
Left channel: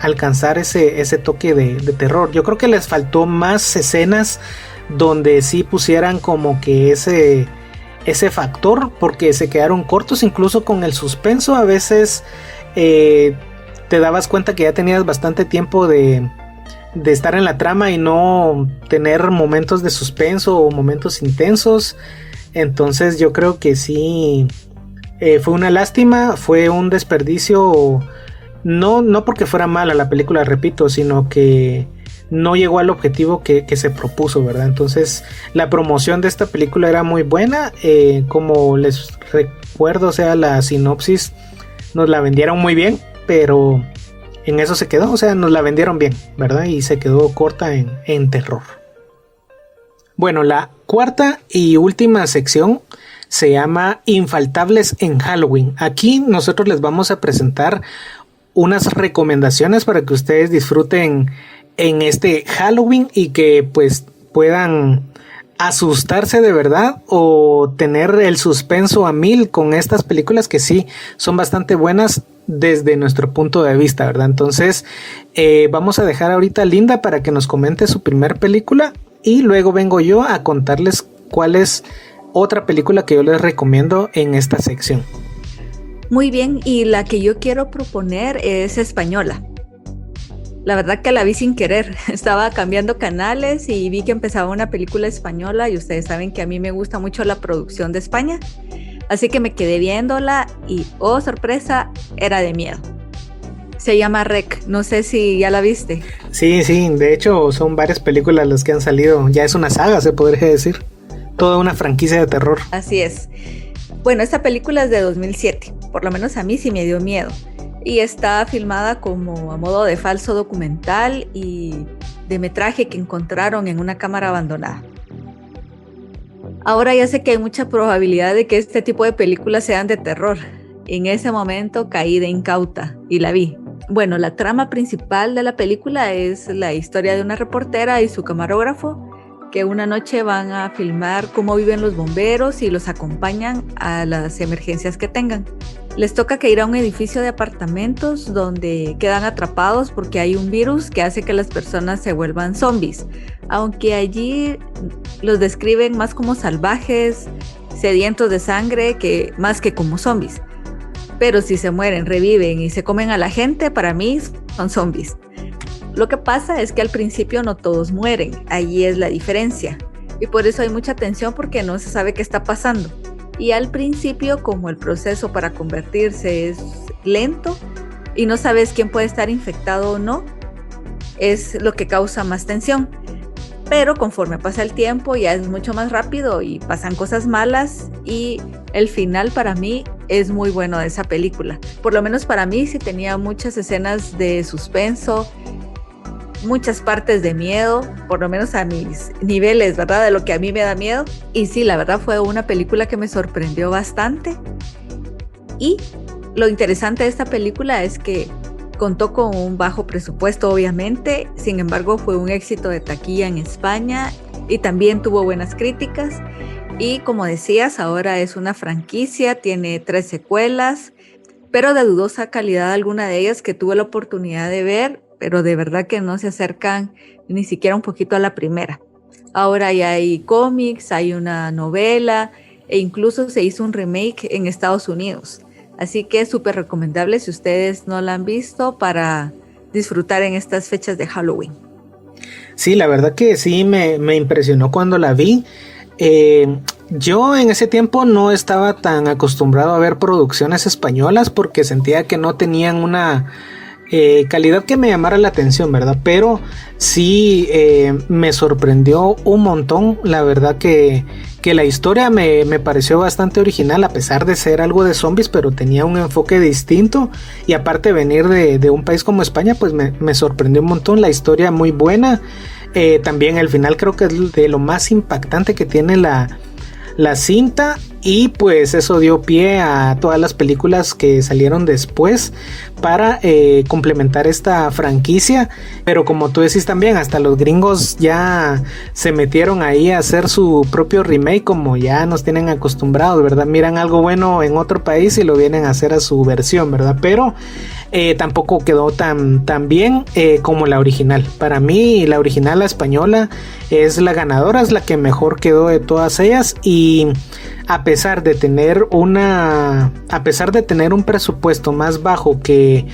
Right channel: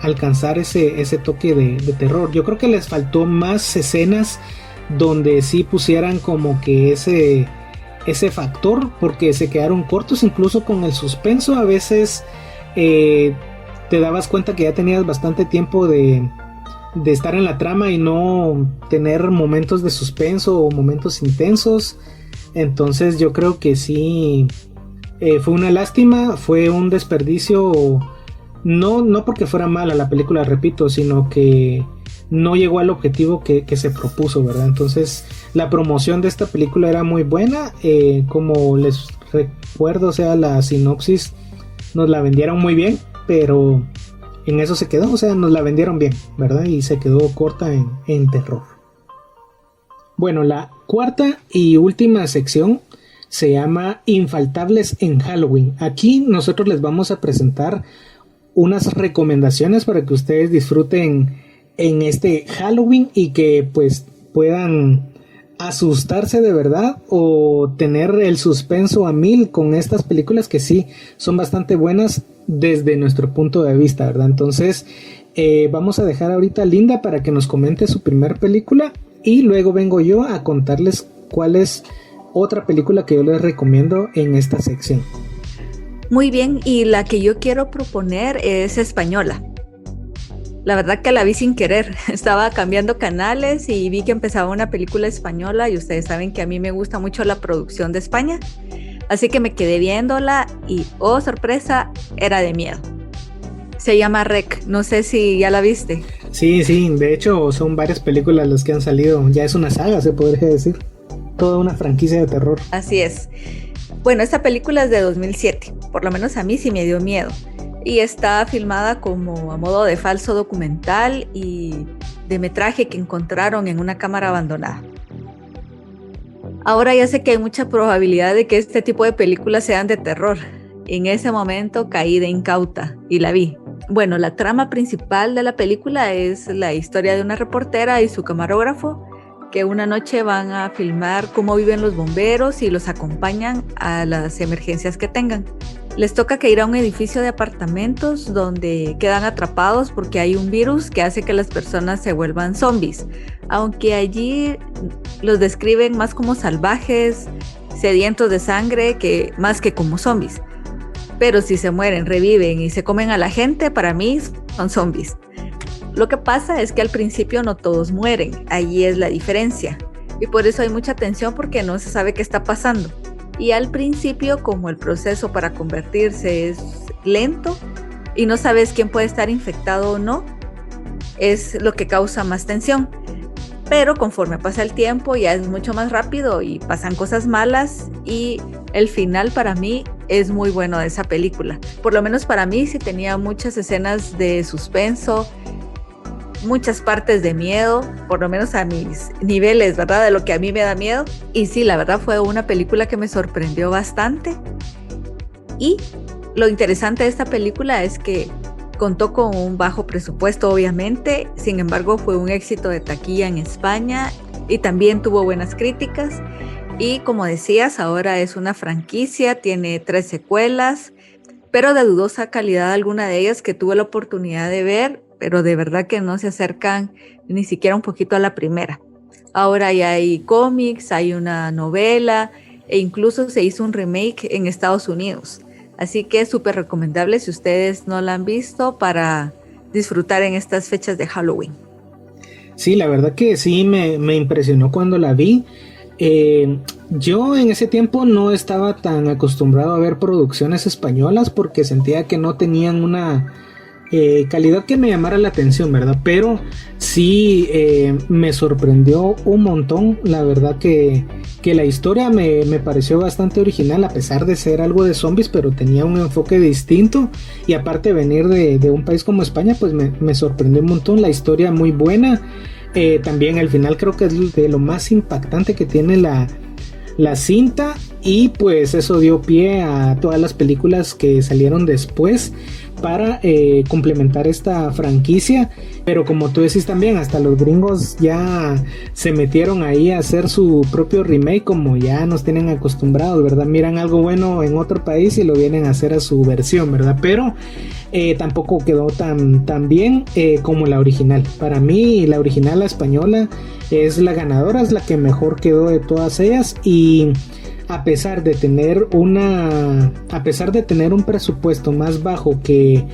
alcanzar ese toque de terror. Yo creo que les faltó más escenas donde sí pusieran como que ese factor, porque se quedaron cortos incluso con el suspenso. A veces te dabas cuenta que ya tenías bastante tiempo de estar en la trama y no tener momentos de suspenso o momentos intensos. Entonces yo creo que sí, fue una lástima, fue un desperdicio, no porque fuera mala la película, repito, sino que no llegó al objetivo que se propuso, ¿verdad? Entonces la promoción de esta película era muy buena, como les recuerdo, o sea, la sinopsis nos la vendieron muy bien, pero en eso se quedó, o sea, nos la vendieron bien, ¿verdad? Y se quedó corta en terror. Bueno, la cuarta y última sección se llama Infaltables en Halloween. Aquí nosotros les vamos a presentar unas recomendaciones para que ustedes disfruten en este Halloween y que pues puedan asustarse de verdad o tener el suspenso a mil con estas películas que sí son bastante buenas desde nuestro punto de vista, ¿verdad? Entonces vamos a dejar ahorita a Linda para que nos comente su primer película y luego vengo yo a contarles cuál es otra película que yo les recomiendo en esta sección. Muy bien, y la que yo quiero proponer es española. La verdad que la vi sin querer, estaba cambiando canales y vi que empezaba una película española y ustedes saben que a mí me gusta mucho la producción de España, así que me quedé viéndola y, oh sorpresa, era de miedo. Se llama REC, no sé si ya la viste. Sí, de hecho son varias películas las que han salido, ya es una saga se podría decir, toda una franquicia de terror. Así es. Bueno, esta película es de 2007, por lo menos a mí sí me dio miedo. Y está filmada como a modo de falso documental y de metraje que encontraron en una cámara abandonada. Ahora ya sé que hay mucha probabilidad de que este tipo de películas sean de terror. En ese momento caí de incauta y la vi. Bueno, la trama principal de la película es la historia de una reportera y su camarógrafo que una noche van a filmar cómo viven los bomberos y los acompañan a las emergencias que tengan. Les toca que ir a un edificio de apartamentos donde quedan atrapados porque hay un virus que hace que las personas se vuelvan zombies, aunque allí los describen más como salvajes, sedientos de sangre, más que como zombies. Pero si se mueren, reviven y se comen a la gente, para mí son zombies. Lo que pasa es que al principio no todos mueren, allí es la diferencia. Y por eso hay mucha tensión porque no se sabe qué está pasando. Y al principio, como el proceso para convertirse es lento y no sabes quién puede estar infectado o no, es lo que causa más tensión. Pero conforme pasa el tiempo ya es mucho más rápido y pasan cosas malas y el final para mí es muy bueno de esa película. Por lo menos para mí sí tenía muchas escenas de suspenso, muchas partes de miedo, por lo menos a mis niveles, ¿verdad? De lo que a mí me da miedo. Y sí, la verdad fue una película que me sorprendió bastante. Y lo interesante de esta película es que contó con un bajo presupuesto, obviamente. Sin embargo, fue un éxito de taquilla en España y también tuvo buenas críticas. Y como decías, ahora es una franquicia, tiene 3 secuelas, pero de dudosa calidad alguna de ellas que tuve la oportunidad de ver, pero de verdad que no se acercan ni siquiera un poquito a la primera. Ahora ya hay cómics, hay una novela e incluso se hizo un remake en Estados Unidos. Así que es súper recomendable si ustedes no la han visto para disfrutar en estas fechas de Halloween. Sí, la verdad que sí me impresionó cuando la vi. Yo en ese tiempo no estaba tan acostumbrado a ver producciones españolas porque sentía que no tenían una calidad que me llamara la atención, ¿verdad? Pero sí me sorprendió un montón. La verdad que la historia me pareció bastante original, a pesar de ser algo de zombies, pero tenía un enfoque distinto. Y aparte venir de un país como España, pues me sorprendió un montón. La historia muy buena. También el final creo que es de lo más impactante que tiene la cinta, y pues eso dio pie a todas las películas que salieron después para complementar esta franquicia. Pero como tú decís también, hasta los gringos ya se metieron ahí a hacer su propio remake, como ya nos tienen acostumbrados, ¿verdad? Miran algo bueno en otro país y lo vienen a hacer a su versión, ¿verdad? Pero tampoco quedó tan bien como la original. Para mí la original, la española, es la ganadora, es la que mejor quedó de todas ellas. Y a pesar de tener un presupuesto más bajo que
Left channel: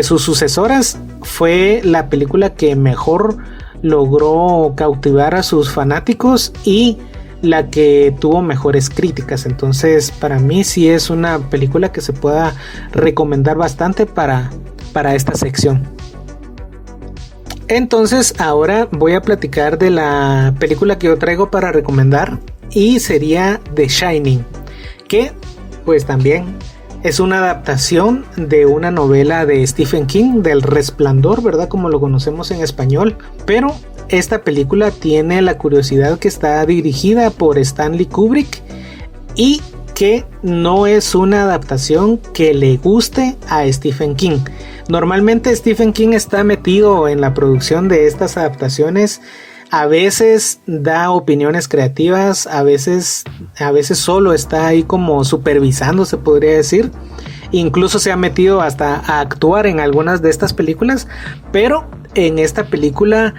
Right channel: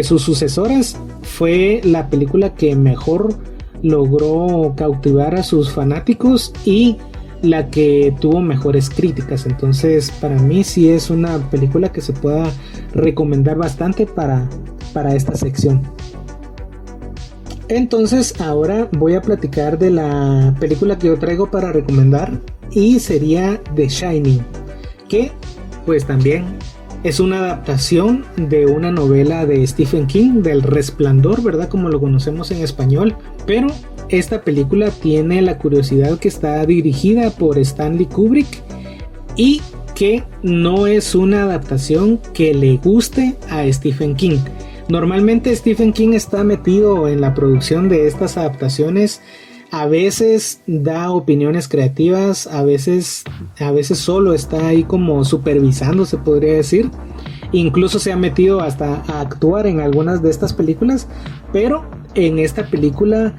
sus sucesoras, fue la película que mejor logró cautivar a sus fanáticos y la que tuvo mejores críticas. Entonces para mí sí es una película que se pueda recomendar bastante para esta sección. Entonces ahora voy a platicar de la película que yo traigo para recomendar, y sería The Shining, que pues también es una adaptación de una novela de Stephen King, del Resplandor, ¿verdad? Como lo conocemos en español. Pero esta película tiene la curiosidad que está dirigida por Stanley Kubrick y que no es una adaptación que le guste a Stephen King. Normalmente Stephen King está metido en la producción de estas adaptaciones A veces da opiniones creativas, a veces solo está ahí como supervisando, se podría decir. Incluso se ha metido hasta a actuar en algunas de estas películas, pero en esta película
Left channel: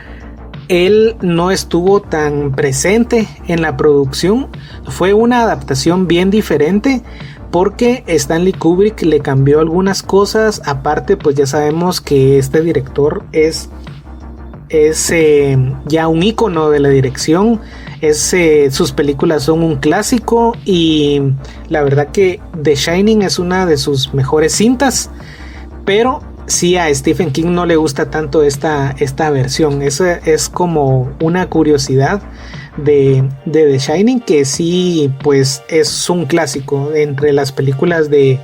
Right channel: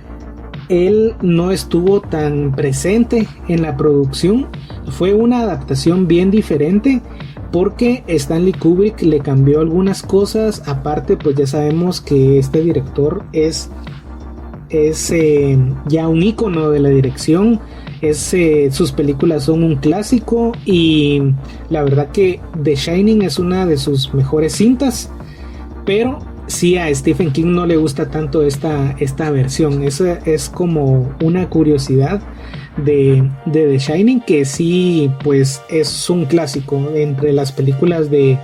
él no estuvo tan presente en la producción. Fue una adaptación bien diferente porque Stanley Kubrick le cambió algunas cosas. Aparte, pues ya sabemos que este director es ya un ícono de la dirección. Sus películas son un clásico y la verdad que The Shining es una de sus mejores cintas, pero sí, a Stephen King no le gusta tanto esta versión. Esa es como una curiosidad de The Shining, que sí, pues es un clásico entre las películas de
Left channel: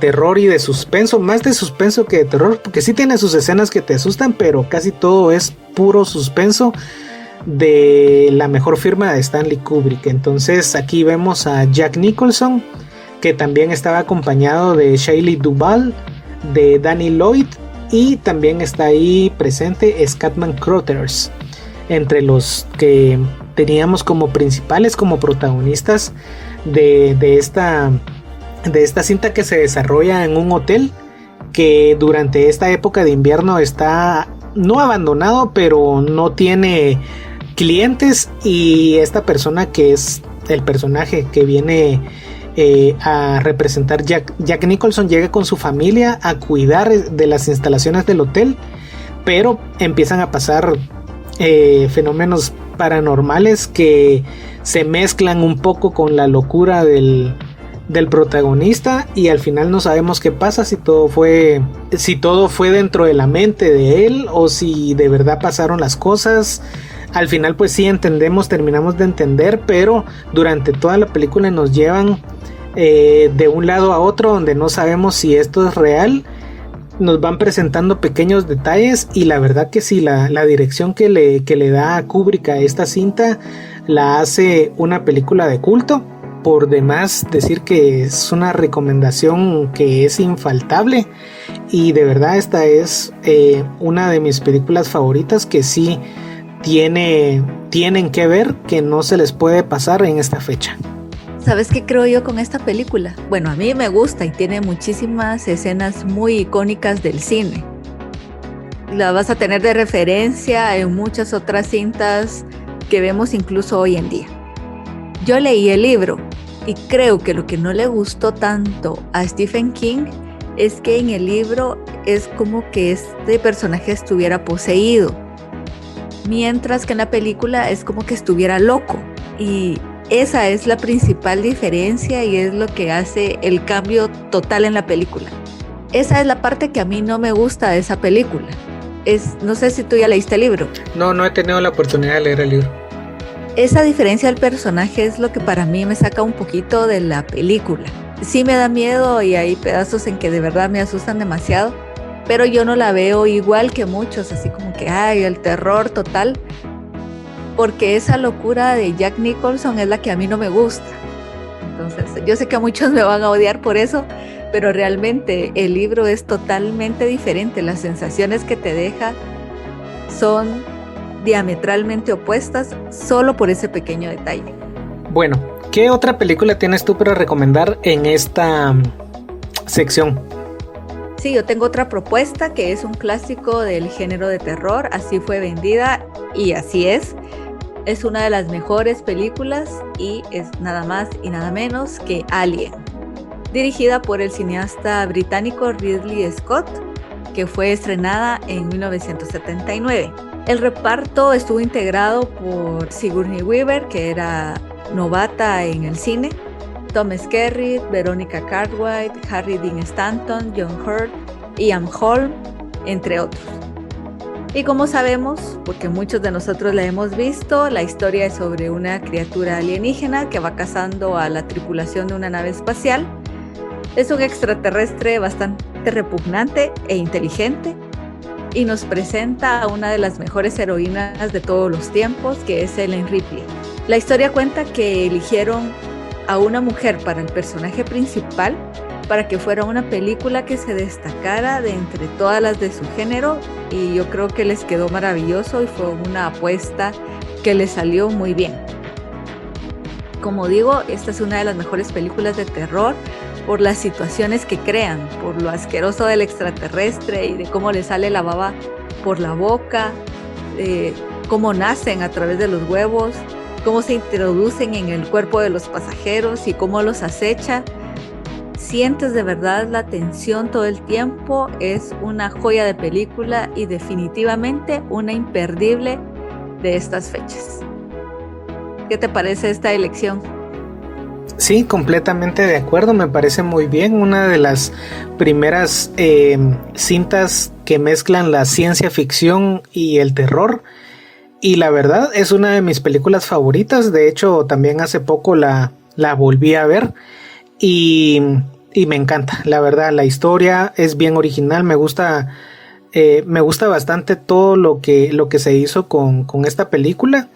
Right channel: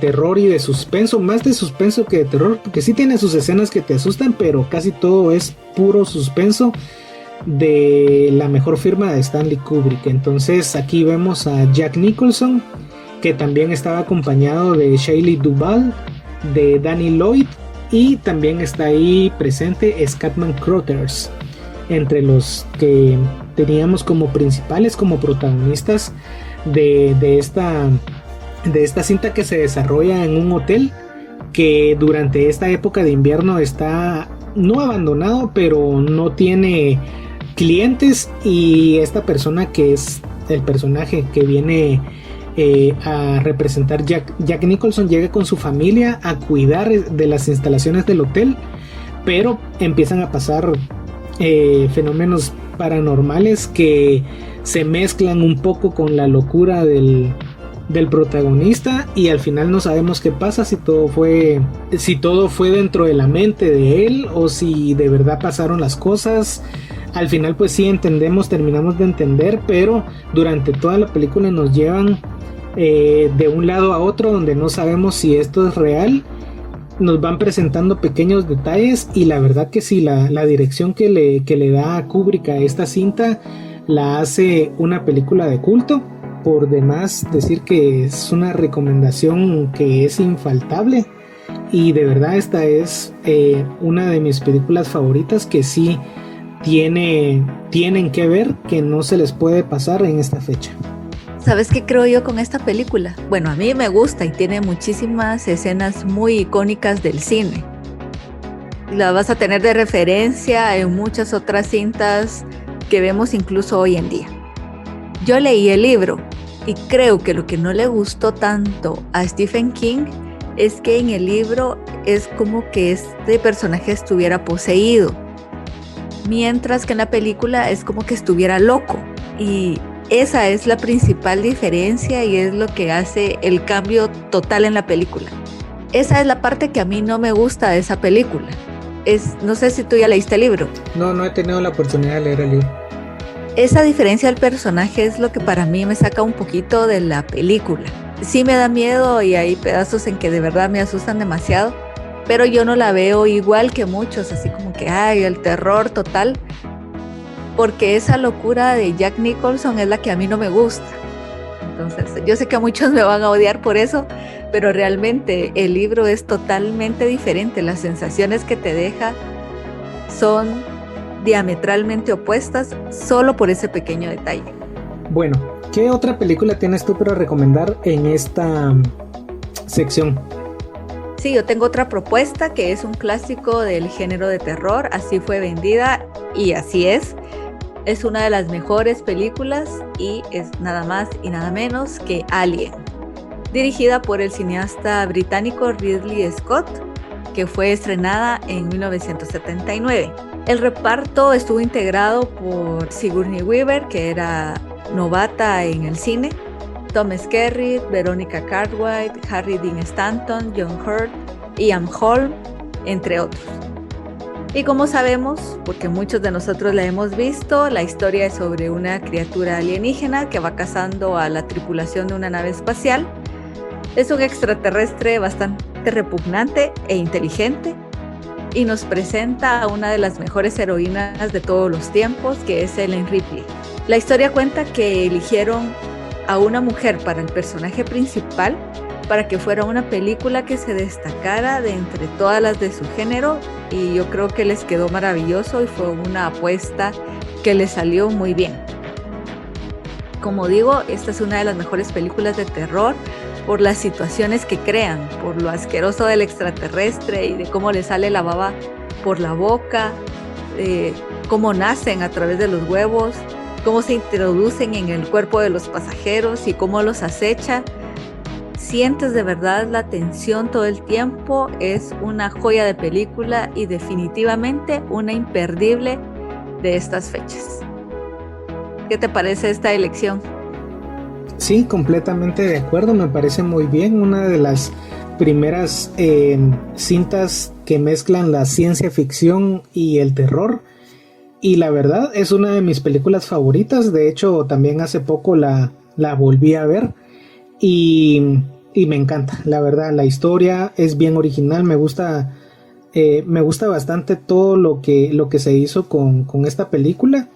terror y de suspenso, más de suspenso que de terror, porque sí tiene sus escenas que te asustan, pero casi todo es puro suspenso, de la mejor firma de Stanley Kubrick. Entonces aquí vemos a Jack Nicholson, que también estaba acompañado de Shelley Duvall, de Danny Lloyd, y también está ahí presente Scatman Crothers, entre los que teníamos como principales, como protagonistas de esta cinta, que se desarrolla en un hotel que durante esta época de invierno está no abandonado, pero no tiene clientes, y esta persona, que es el personaje que viene a representar Jack Nicholson, llega con su familia a cuidar de las instalaciones del hotel, pero empiezan a pasar fenómenos paranormales que se mezclan un poco con la locura del protagonista, y al final no sabemos qué pasa, si todo fue dentro de la mente de él o si de verdad pasaron las cosas. Al final pues sí terminamos de entender, pero durante toda la película nos llevan de un lado a otro donde no sabemos si esto es real. Nos van presentando pequeños detalles, y la verdad que sí, la dirección que le da a Kubrick a esta cinta la hace una película de culto. Por demás decir que es una recomendación que es infaltable, y de verdad esta es una de mis películas favoritas, que sí tienen que ver, que no se les puede pasar en esta fecha. ¿Sabes qué creo yo con esta película? Bueno, a mí me gusta y tiene muchísimas escenas muy icónicas del cine. La vas a tener de referencia en muchas otras cintas que vemos incluso hoy en día. Yo leí el libro y creo que lo que no le gustó tanto a Stephen King es que en el libro es como que este personaje estuviera poseído, mientras que en la película es como que estuviera loco, y esa es la principal diferencia y es lo que hace el cambio total en la película. Esa es la parte que a mí no me gusta de esa película. No sé si tú ya leíste el libro. No he tenido la oportunidad de leer el libro. Esa diferencia del personaje es lo que para mí me saca un poquito de la película. Sí me da miedo y hay pedazos en que de verdad me asustan demasiado, pero yo no la veo igual que muchos, así como que ay, el terror total, porque esa locura de Jack Nicholson es la que a mí no me gusta. Entonces, yo sé que a muchos me van a odiar por eso, pero realmente el libro es totalmente diferente. Las sensaciones que te deja son diametralmente opuestas solo por ese pequeño detalle. Bueno, ¿qué otra película tienes tú para recomendar en esta sección? Sí, yo tengo otra propuesta que es un clásico del género de terror. Así fue vendida y así es. Es una de las mejores películas y es nada más y nada menos que Alien, dirigida por el cineasta británico Ridley Scott, que fue estrenada en 1979. El reparto estuvo integrado por Sigourney Weaver, que era novata en el cine, Tom Skerritt, Veronica Cartwright, Harry Dean Stanton, John Hurt, Ian Holm, entre otros. Y como sabemos, porque muchos de nosotros la hemos visto, la historia es sobre una criatura alienígena que va cazando a la tripulación de una nave espacial. Es un extraterrestre bastante repugnante e inteligente y nos presenta a una de las mejores heroínas de todos los tiempos, que es Ellen Ripley. La historia cuenta que eligieron a una mujer para el personaje principal para que fuera una película que se destacara de entre todas las de su género, y yo creo que les quedó maravilloso y fue una apuesta que les salió muy bien. Como digo, esta es una de las mejores películas de terror por las situaciones que crean, por lo asqueroso del extraterrestre y de cómo le sale la baba por la boca, cómo nacen a través de los huevos, cómo se introducen en el cuerpo de los pasajeros y cómo los acecha. Sientes de verdad la tensión todo el tiempo. Es una joya de película y definitivamente una imperdible de estas fechas. ¿Qué te parece esta elección? Sí, completamente de acuerdo, me parece muy bien. Una de las primeras cintas que mezclan la ciencia ficción y el terror. Y la verdad es una de mis películas favoritas. De hecho, también hace poco la volví a ver. Y me encanta, la verdad. La historia es bien original. Me gusta bastante todo lo que se hizo con esta película.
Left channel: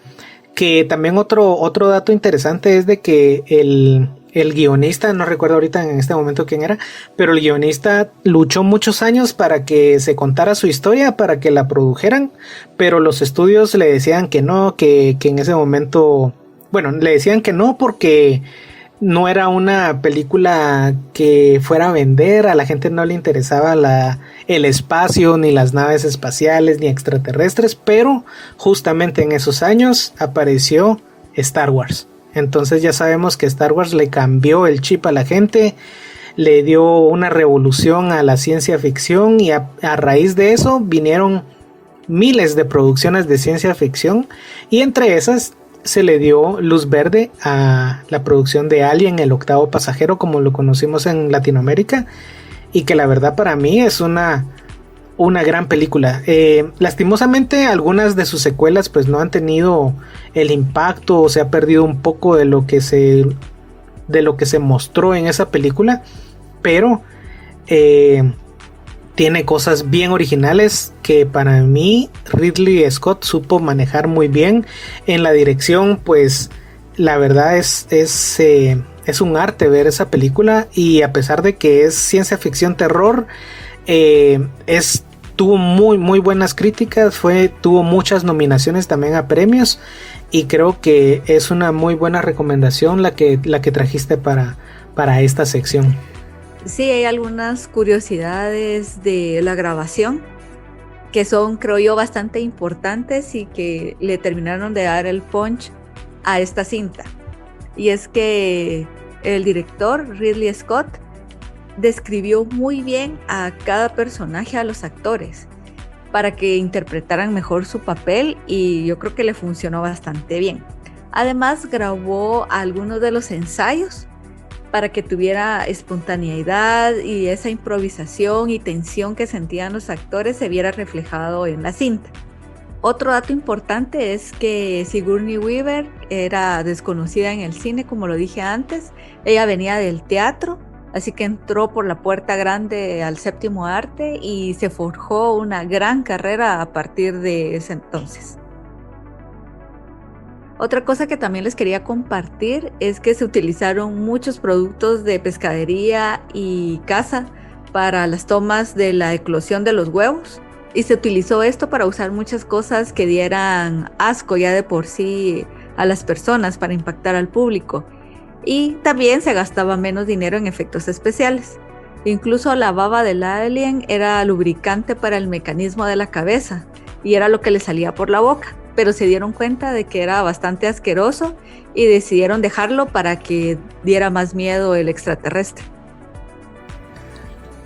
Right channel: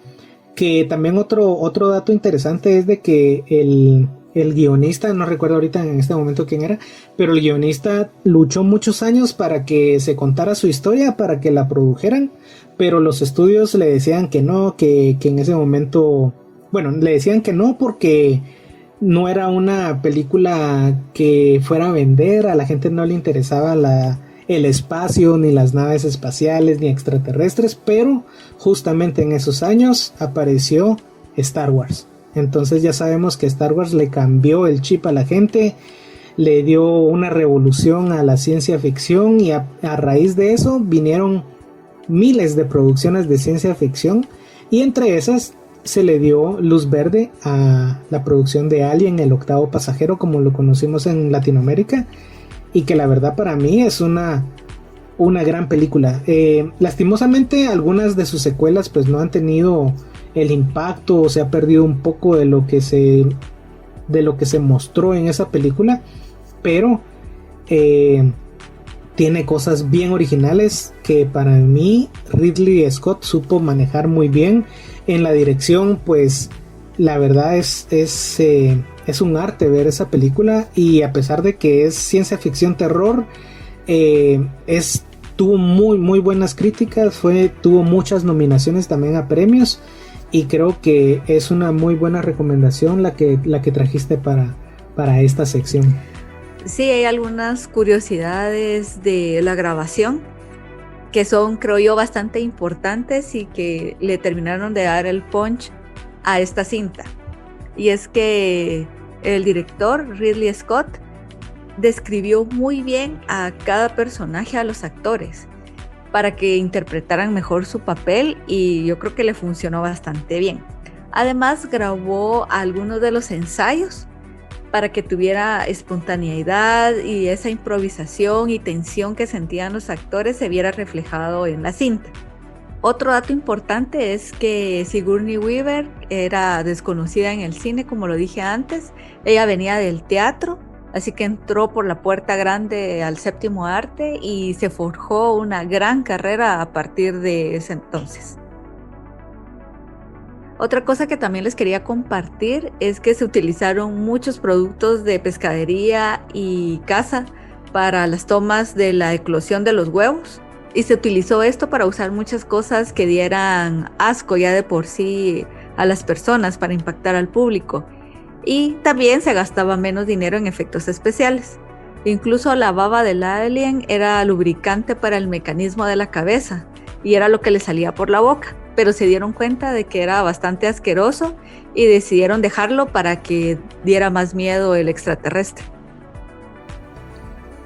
Que también otro dato interesante es de que el guionista, no recuerdo ahorita en este momento quién era, pero el guionista luchó muchos años para que se contara su historia, para que la produjeran, pero los estudios le decían que no, que en ese momento, bueno, le decían que no porque no era una película que fuera a vender, a la gente no le interesaba el espacio, ni las naves espaciales, ni extraterrestres, pero justamente en esos años apareció Star Wars. Entonces ya sabemos que Star Wars le cambió el chip a la gente, le dio una revolución a la ciencia ficción y a raíz de eso vinieron miles de producciones de ciencia ficción y entre esas se le dio luz verde a la producción de Alien, el octavo pasajero, como lo conocimos en Latinoamérica, y que la verdad para mí es una gran película. Lastimosamente algunas de sus secuelas pues no han tenido el impacto o se ha perdido un poco de lo que se mostró en esa película, pero tiene cosas bien originales que para mí Ridley Scott supo manejar muy bien. En la dirección pues la verdad es un arte ver esa película, y a pesar de que es ciencia ficción terror, tuvo muy buenas críticas, tuvo muchas nominaciones también a premios, y creo que es una muy buena recomendación la que trajiste para esta sección. Sí, hay algunas curiosidades de la grabación que son, creo yo, bastante importantes y que le terminaron de dar el punch a esta cinta. Y es que el director Ridley Scott describió muy bien a cada personaje, a los actores, para que interpretaran mejor su papel, y yo creo que le funcionó bastante bien. Además, grabó algunos de los ensayos para que tuviera espontaneidad y esa improvisación y tensión que sentían los actores se viera reflejado en la cinta. Otro dato importante es que Sigourney Weaver era desconocida en el cine, como lo dije antes. Ella venía del teatro, así que entró por la puerta grande al séptimo arte y se forjó una gran carrera a partir de ese entonces. Otra cosa que también les quería compartir es que se utilizaron muchos productos de pescadería y caza para las tomas de la eclosión de los huevos, y se utilizó esto para usar muchas cosas que dieran asco ya de por sí a las personas, para impactar al público, y también se gastaba menos dinero en efectos especiales. Incluso la baba del alien era lubricante para el mecanismo de la cabeza y era lo que le salía por la boca, pero se dieron cuenta de que era bastante asqueroso y decidieron dejarlo para que diera más miedo el extraterrestre.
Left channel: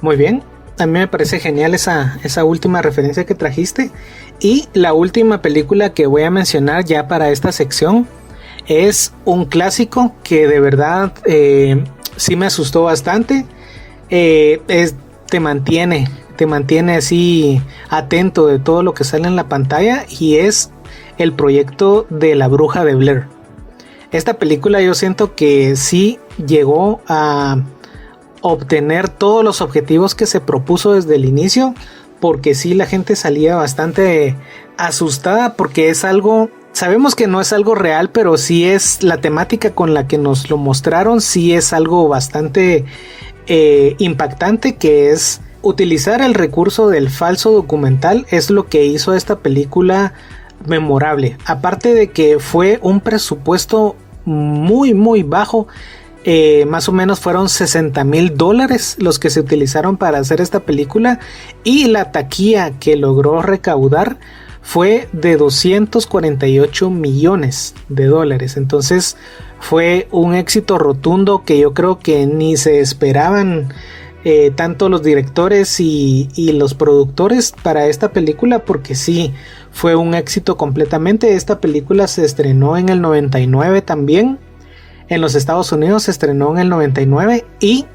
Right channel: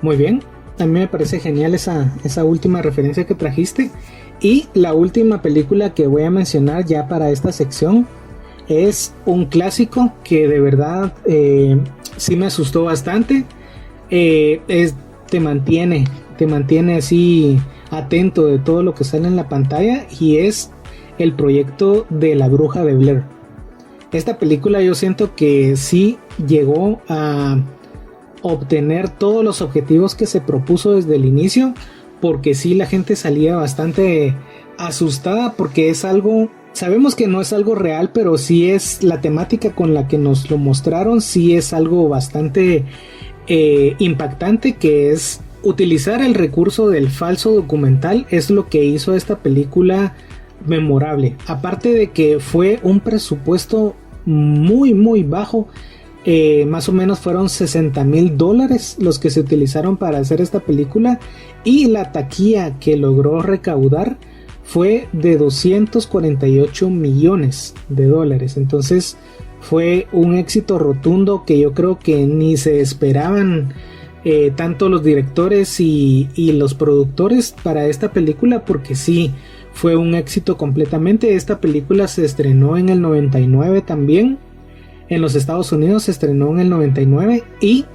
Muy bien, a mí me parece genial esa última referencia que trajiste. Y la última película que voy a mencionar ya para esta sección es un clásico que de verdad sí me asustó bastante. Te mantiene así atento de todo lo que sale en la pantalla, y es el proyecto de La Bruja de Blair. Esta película yo siento que sí llegó a obtener todos los objetivos que se propuso desde el inicio, porque sí la gente salía bastante asustada, porque es algo, sabemos que no es algo real, pero sí es la temática con la que nos lo mostraron, sí es algo bastante impactante, que es utilizar el recurso del falso documental. Es lo que hizo esta película memorable, aparte de que fue un presupuesto muy bajo. Más o menos fueron $60,000 los que se utilizaron para hacer esta película, y la taquilla que logró recaudar fue de $248 millones. Entonces fue un éxito rotundo que yo creo que ni se esperaban tanto los directores y los productores para esta película, porque sí, fue un éxito completamente. Esta película se estrenó en el 99 también. En los Estados Unidos se estrenó en el 99 y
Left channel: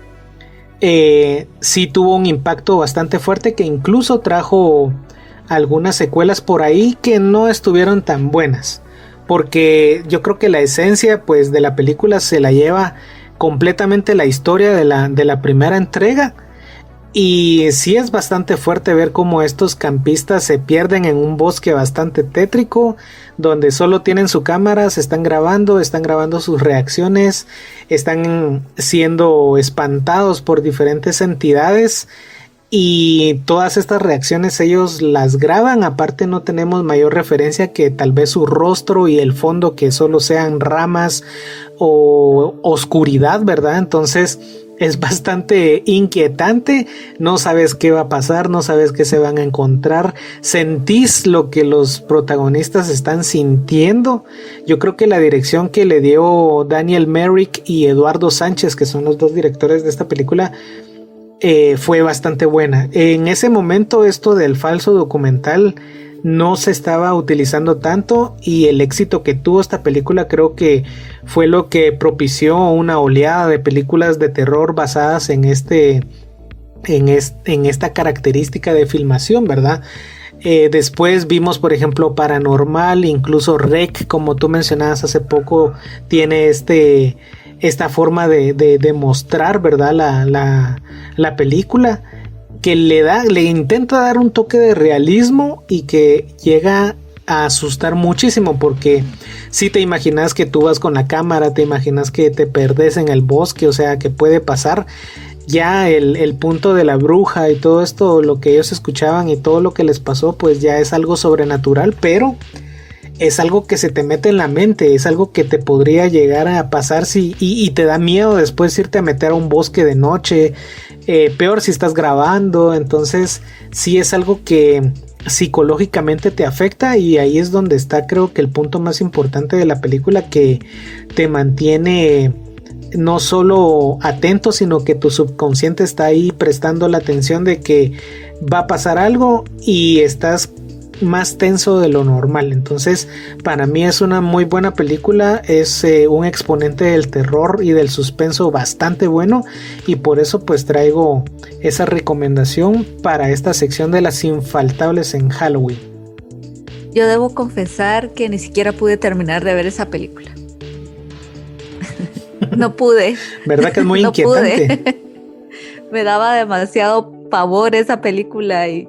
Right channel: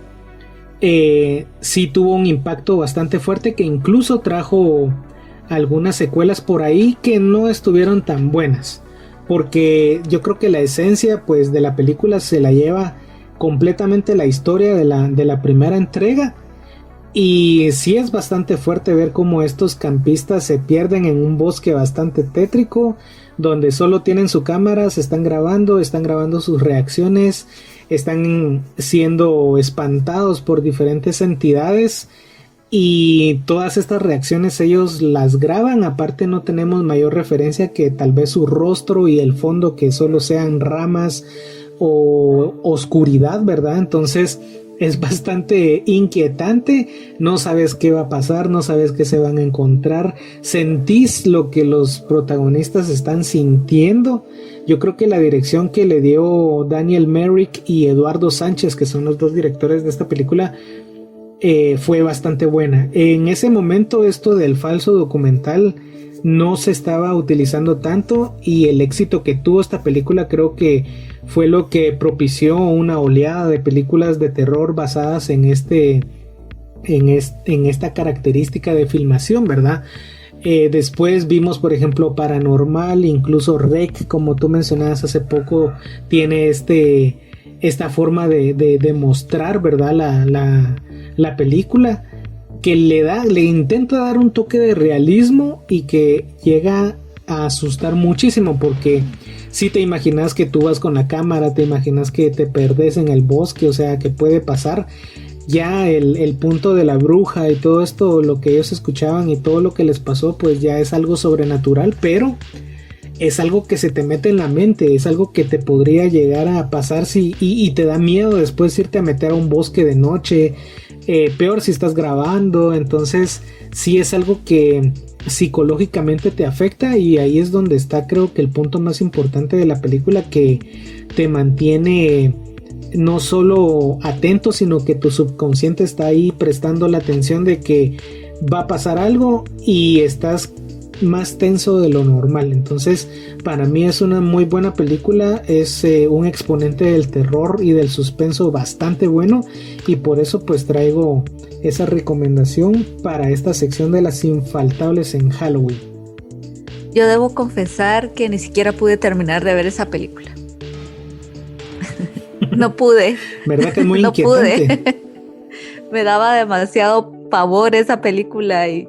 sí tuvo un impacto bastante fuerte, que incluso trajo algunas secuelas por ahí que no estuvieron tan buenas, porque yo creo que la esencia pues de la película se la lleva completamente la historia de la primera entrega. Y sí es bastante fuerte ver cómo estos campistas se pierden en un bosque bastante tétrico, donde solo tienen su cámara, se están grabando sus reacciones, están siendo espantados por diferentes entidades, y todas estas reacciones ellos las graban. Aparte no tenemos mayor referencia que tal vez su rostro y el fondo, que solo sean ramas o oscuridad, ¿verdad? Entonces es bastante inquietante, no sabes qué va a pasar, no sabes qué se van a encontrar, sentís lo que los protagonistas están sintiendo. Yo creo que la dirección que le dio Daniel Myrick y Eduardo Sánchez, que son los dos directores de esta película, fue bastante buena. En ese momento esto del falso documental no se estaba utilizando tanto, y el éxito que tuvo esta película creo que fue lo que propició una oleada de películas de terror basadas en esta característica de filmación, ¿verdad? Después vimos, por ejemplo, Paranormal, incluso REC, como tú mencionabas hace poco, tiene esta forma de mostrar, ¿verdad? La película, que le intenta dar un toque de realismo y que llega a asustar muchísimo, porque si te imaginas que tú vas con la cámara, te imaginas que te perdes en el bosque, o sea, que puede pasar. Ya el punto de la bruja y todo esto, lo que ellos escuchaban y todo lo que les pasó, pues ya es algo sobrenatural, pero es algo que se te mete en la mente, es algo que te podría llegar a pasar y te da miedo después irte a meter a un bosque de noche, peor si estás grabando. Entonces sí es algo que psicológicamente te afecta, y ahí es donde está, creo que el punto más importante de la película, que te mantiene no solo atento, sino que tu subconsciente está ahí prestando la atención de que va a pasar algo y estás más tenso de lo normal. Entonces para mí es una muy buena película, es un exponente del terror y del suspenso bastante bueno, y por eso pues traigo esa recomendación para esta sección de las infaltables en Halloween. Yo debo confesar que ni siquiera pude terminar de ver esa película. No pude. ¿Verdad que es muy no inquietante? Pude. Me daba demasiado pavor esa película, y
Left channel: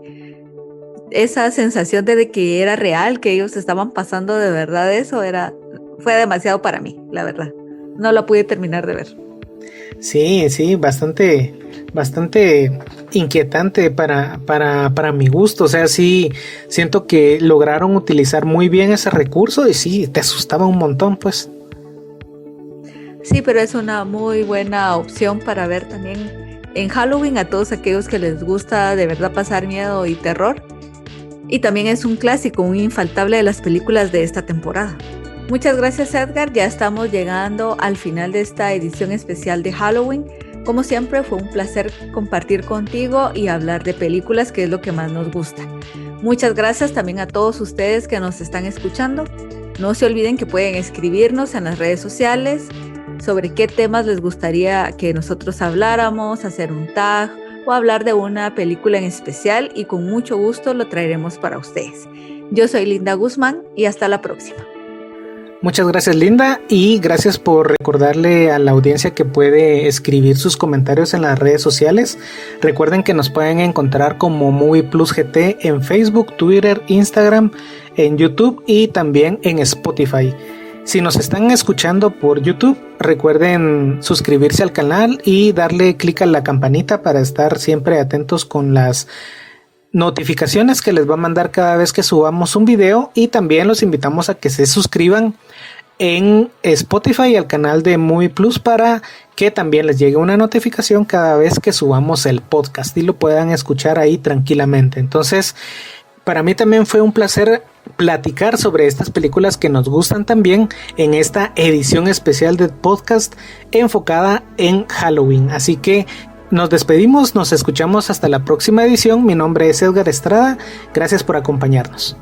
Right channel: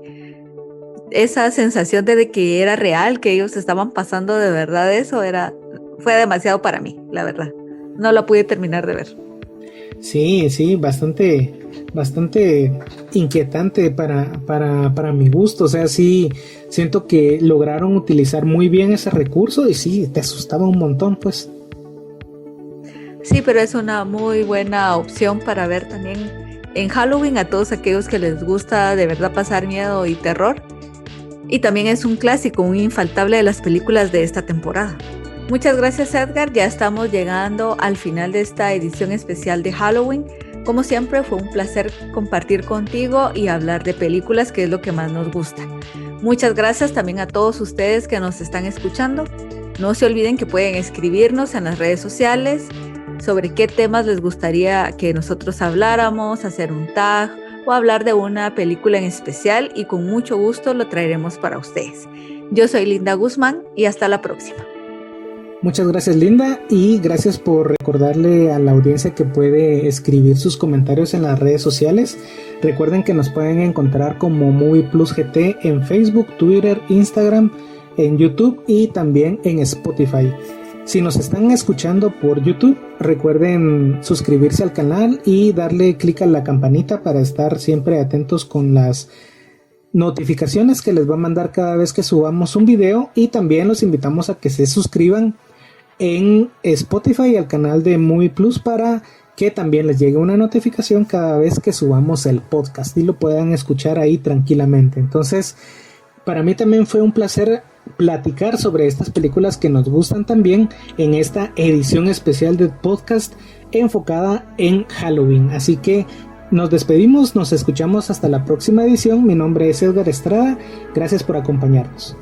esa sensación de que era real, que ellos estaban pasando de verdad, fue demasiado para mí, la verdad. No la pude terminar de ver. Sí, bastante inquietante para mi gusto. O sea, sí, siento que lograron utilizar muy bien ese recurso, y sí, te asustaba un montón, pues. Sí, pero es una muy buena opción para ver también en Halloween a todos aquellos que les gusta de verdad pasar miedo y terror. Y también es un clásico, un infaltable de las películas de esta temporada. Muchas gracias, Edgar, ya estamos llegando al final de esta edición especial de Halloween. Como siempre, fue un placer compartir contigo y hablar de películas, que es lo que más nos gusta. Muchas gracias también a todos ustedes que nos están escuchando. No se olviden que pueden escribirnos en las redes sociales sobre qué temas les gustaría que nosotros habláramos, hacer un tag o hablar de una película en especial, y con mucho gusto lo traeremos para ustedes. Yo soy Linda Guzmán y hasta la próxima. Muchas gracias, Linda, y gracias por recordarle a la audiencia que puede escribir sus comentarios en las redes sociales. Recuerden que nos pueden encontrar como Movie Plus GT en Facebook, Twitter, Instagram, en YouTube y también en Spotify. Si nos están escuchando por YouTube, recuerden suscribirse al canal y darle clic a la campanita para estar siempre atentos con las notificaciones que les va a mandar cada vez que subamos un video, y también los invitamos a que se suscriban en Spotify al canal de Movie Plus para que también les llegue una notificación cada vez que subamos el podcast y lo puedan escuchar ahí tranquilamente. Entonces, para mí también fue un placer platicar sobre estas películas que nos gustan también en esta edición especial del podcast enfocada en Halloween. Así que nos despedimos, nos escuchamos hasta la próxima edición. Mi nombre es Edgar Estrada, gracias por acompañarnos.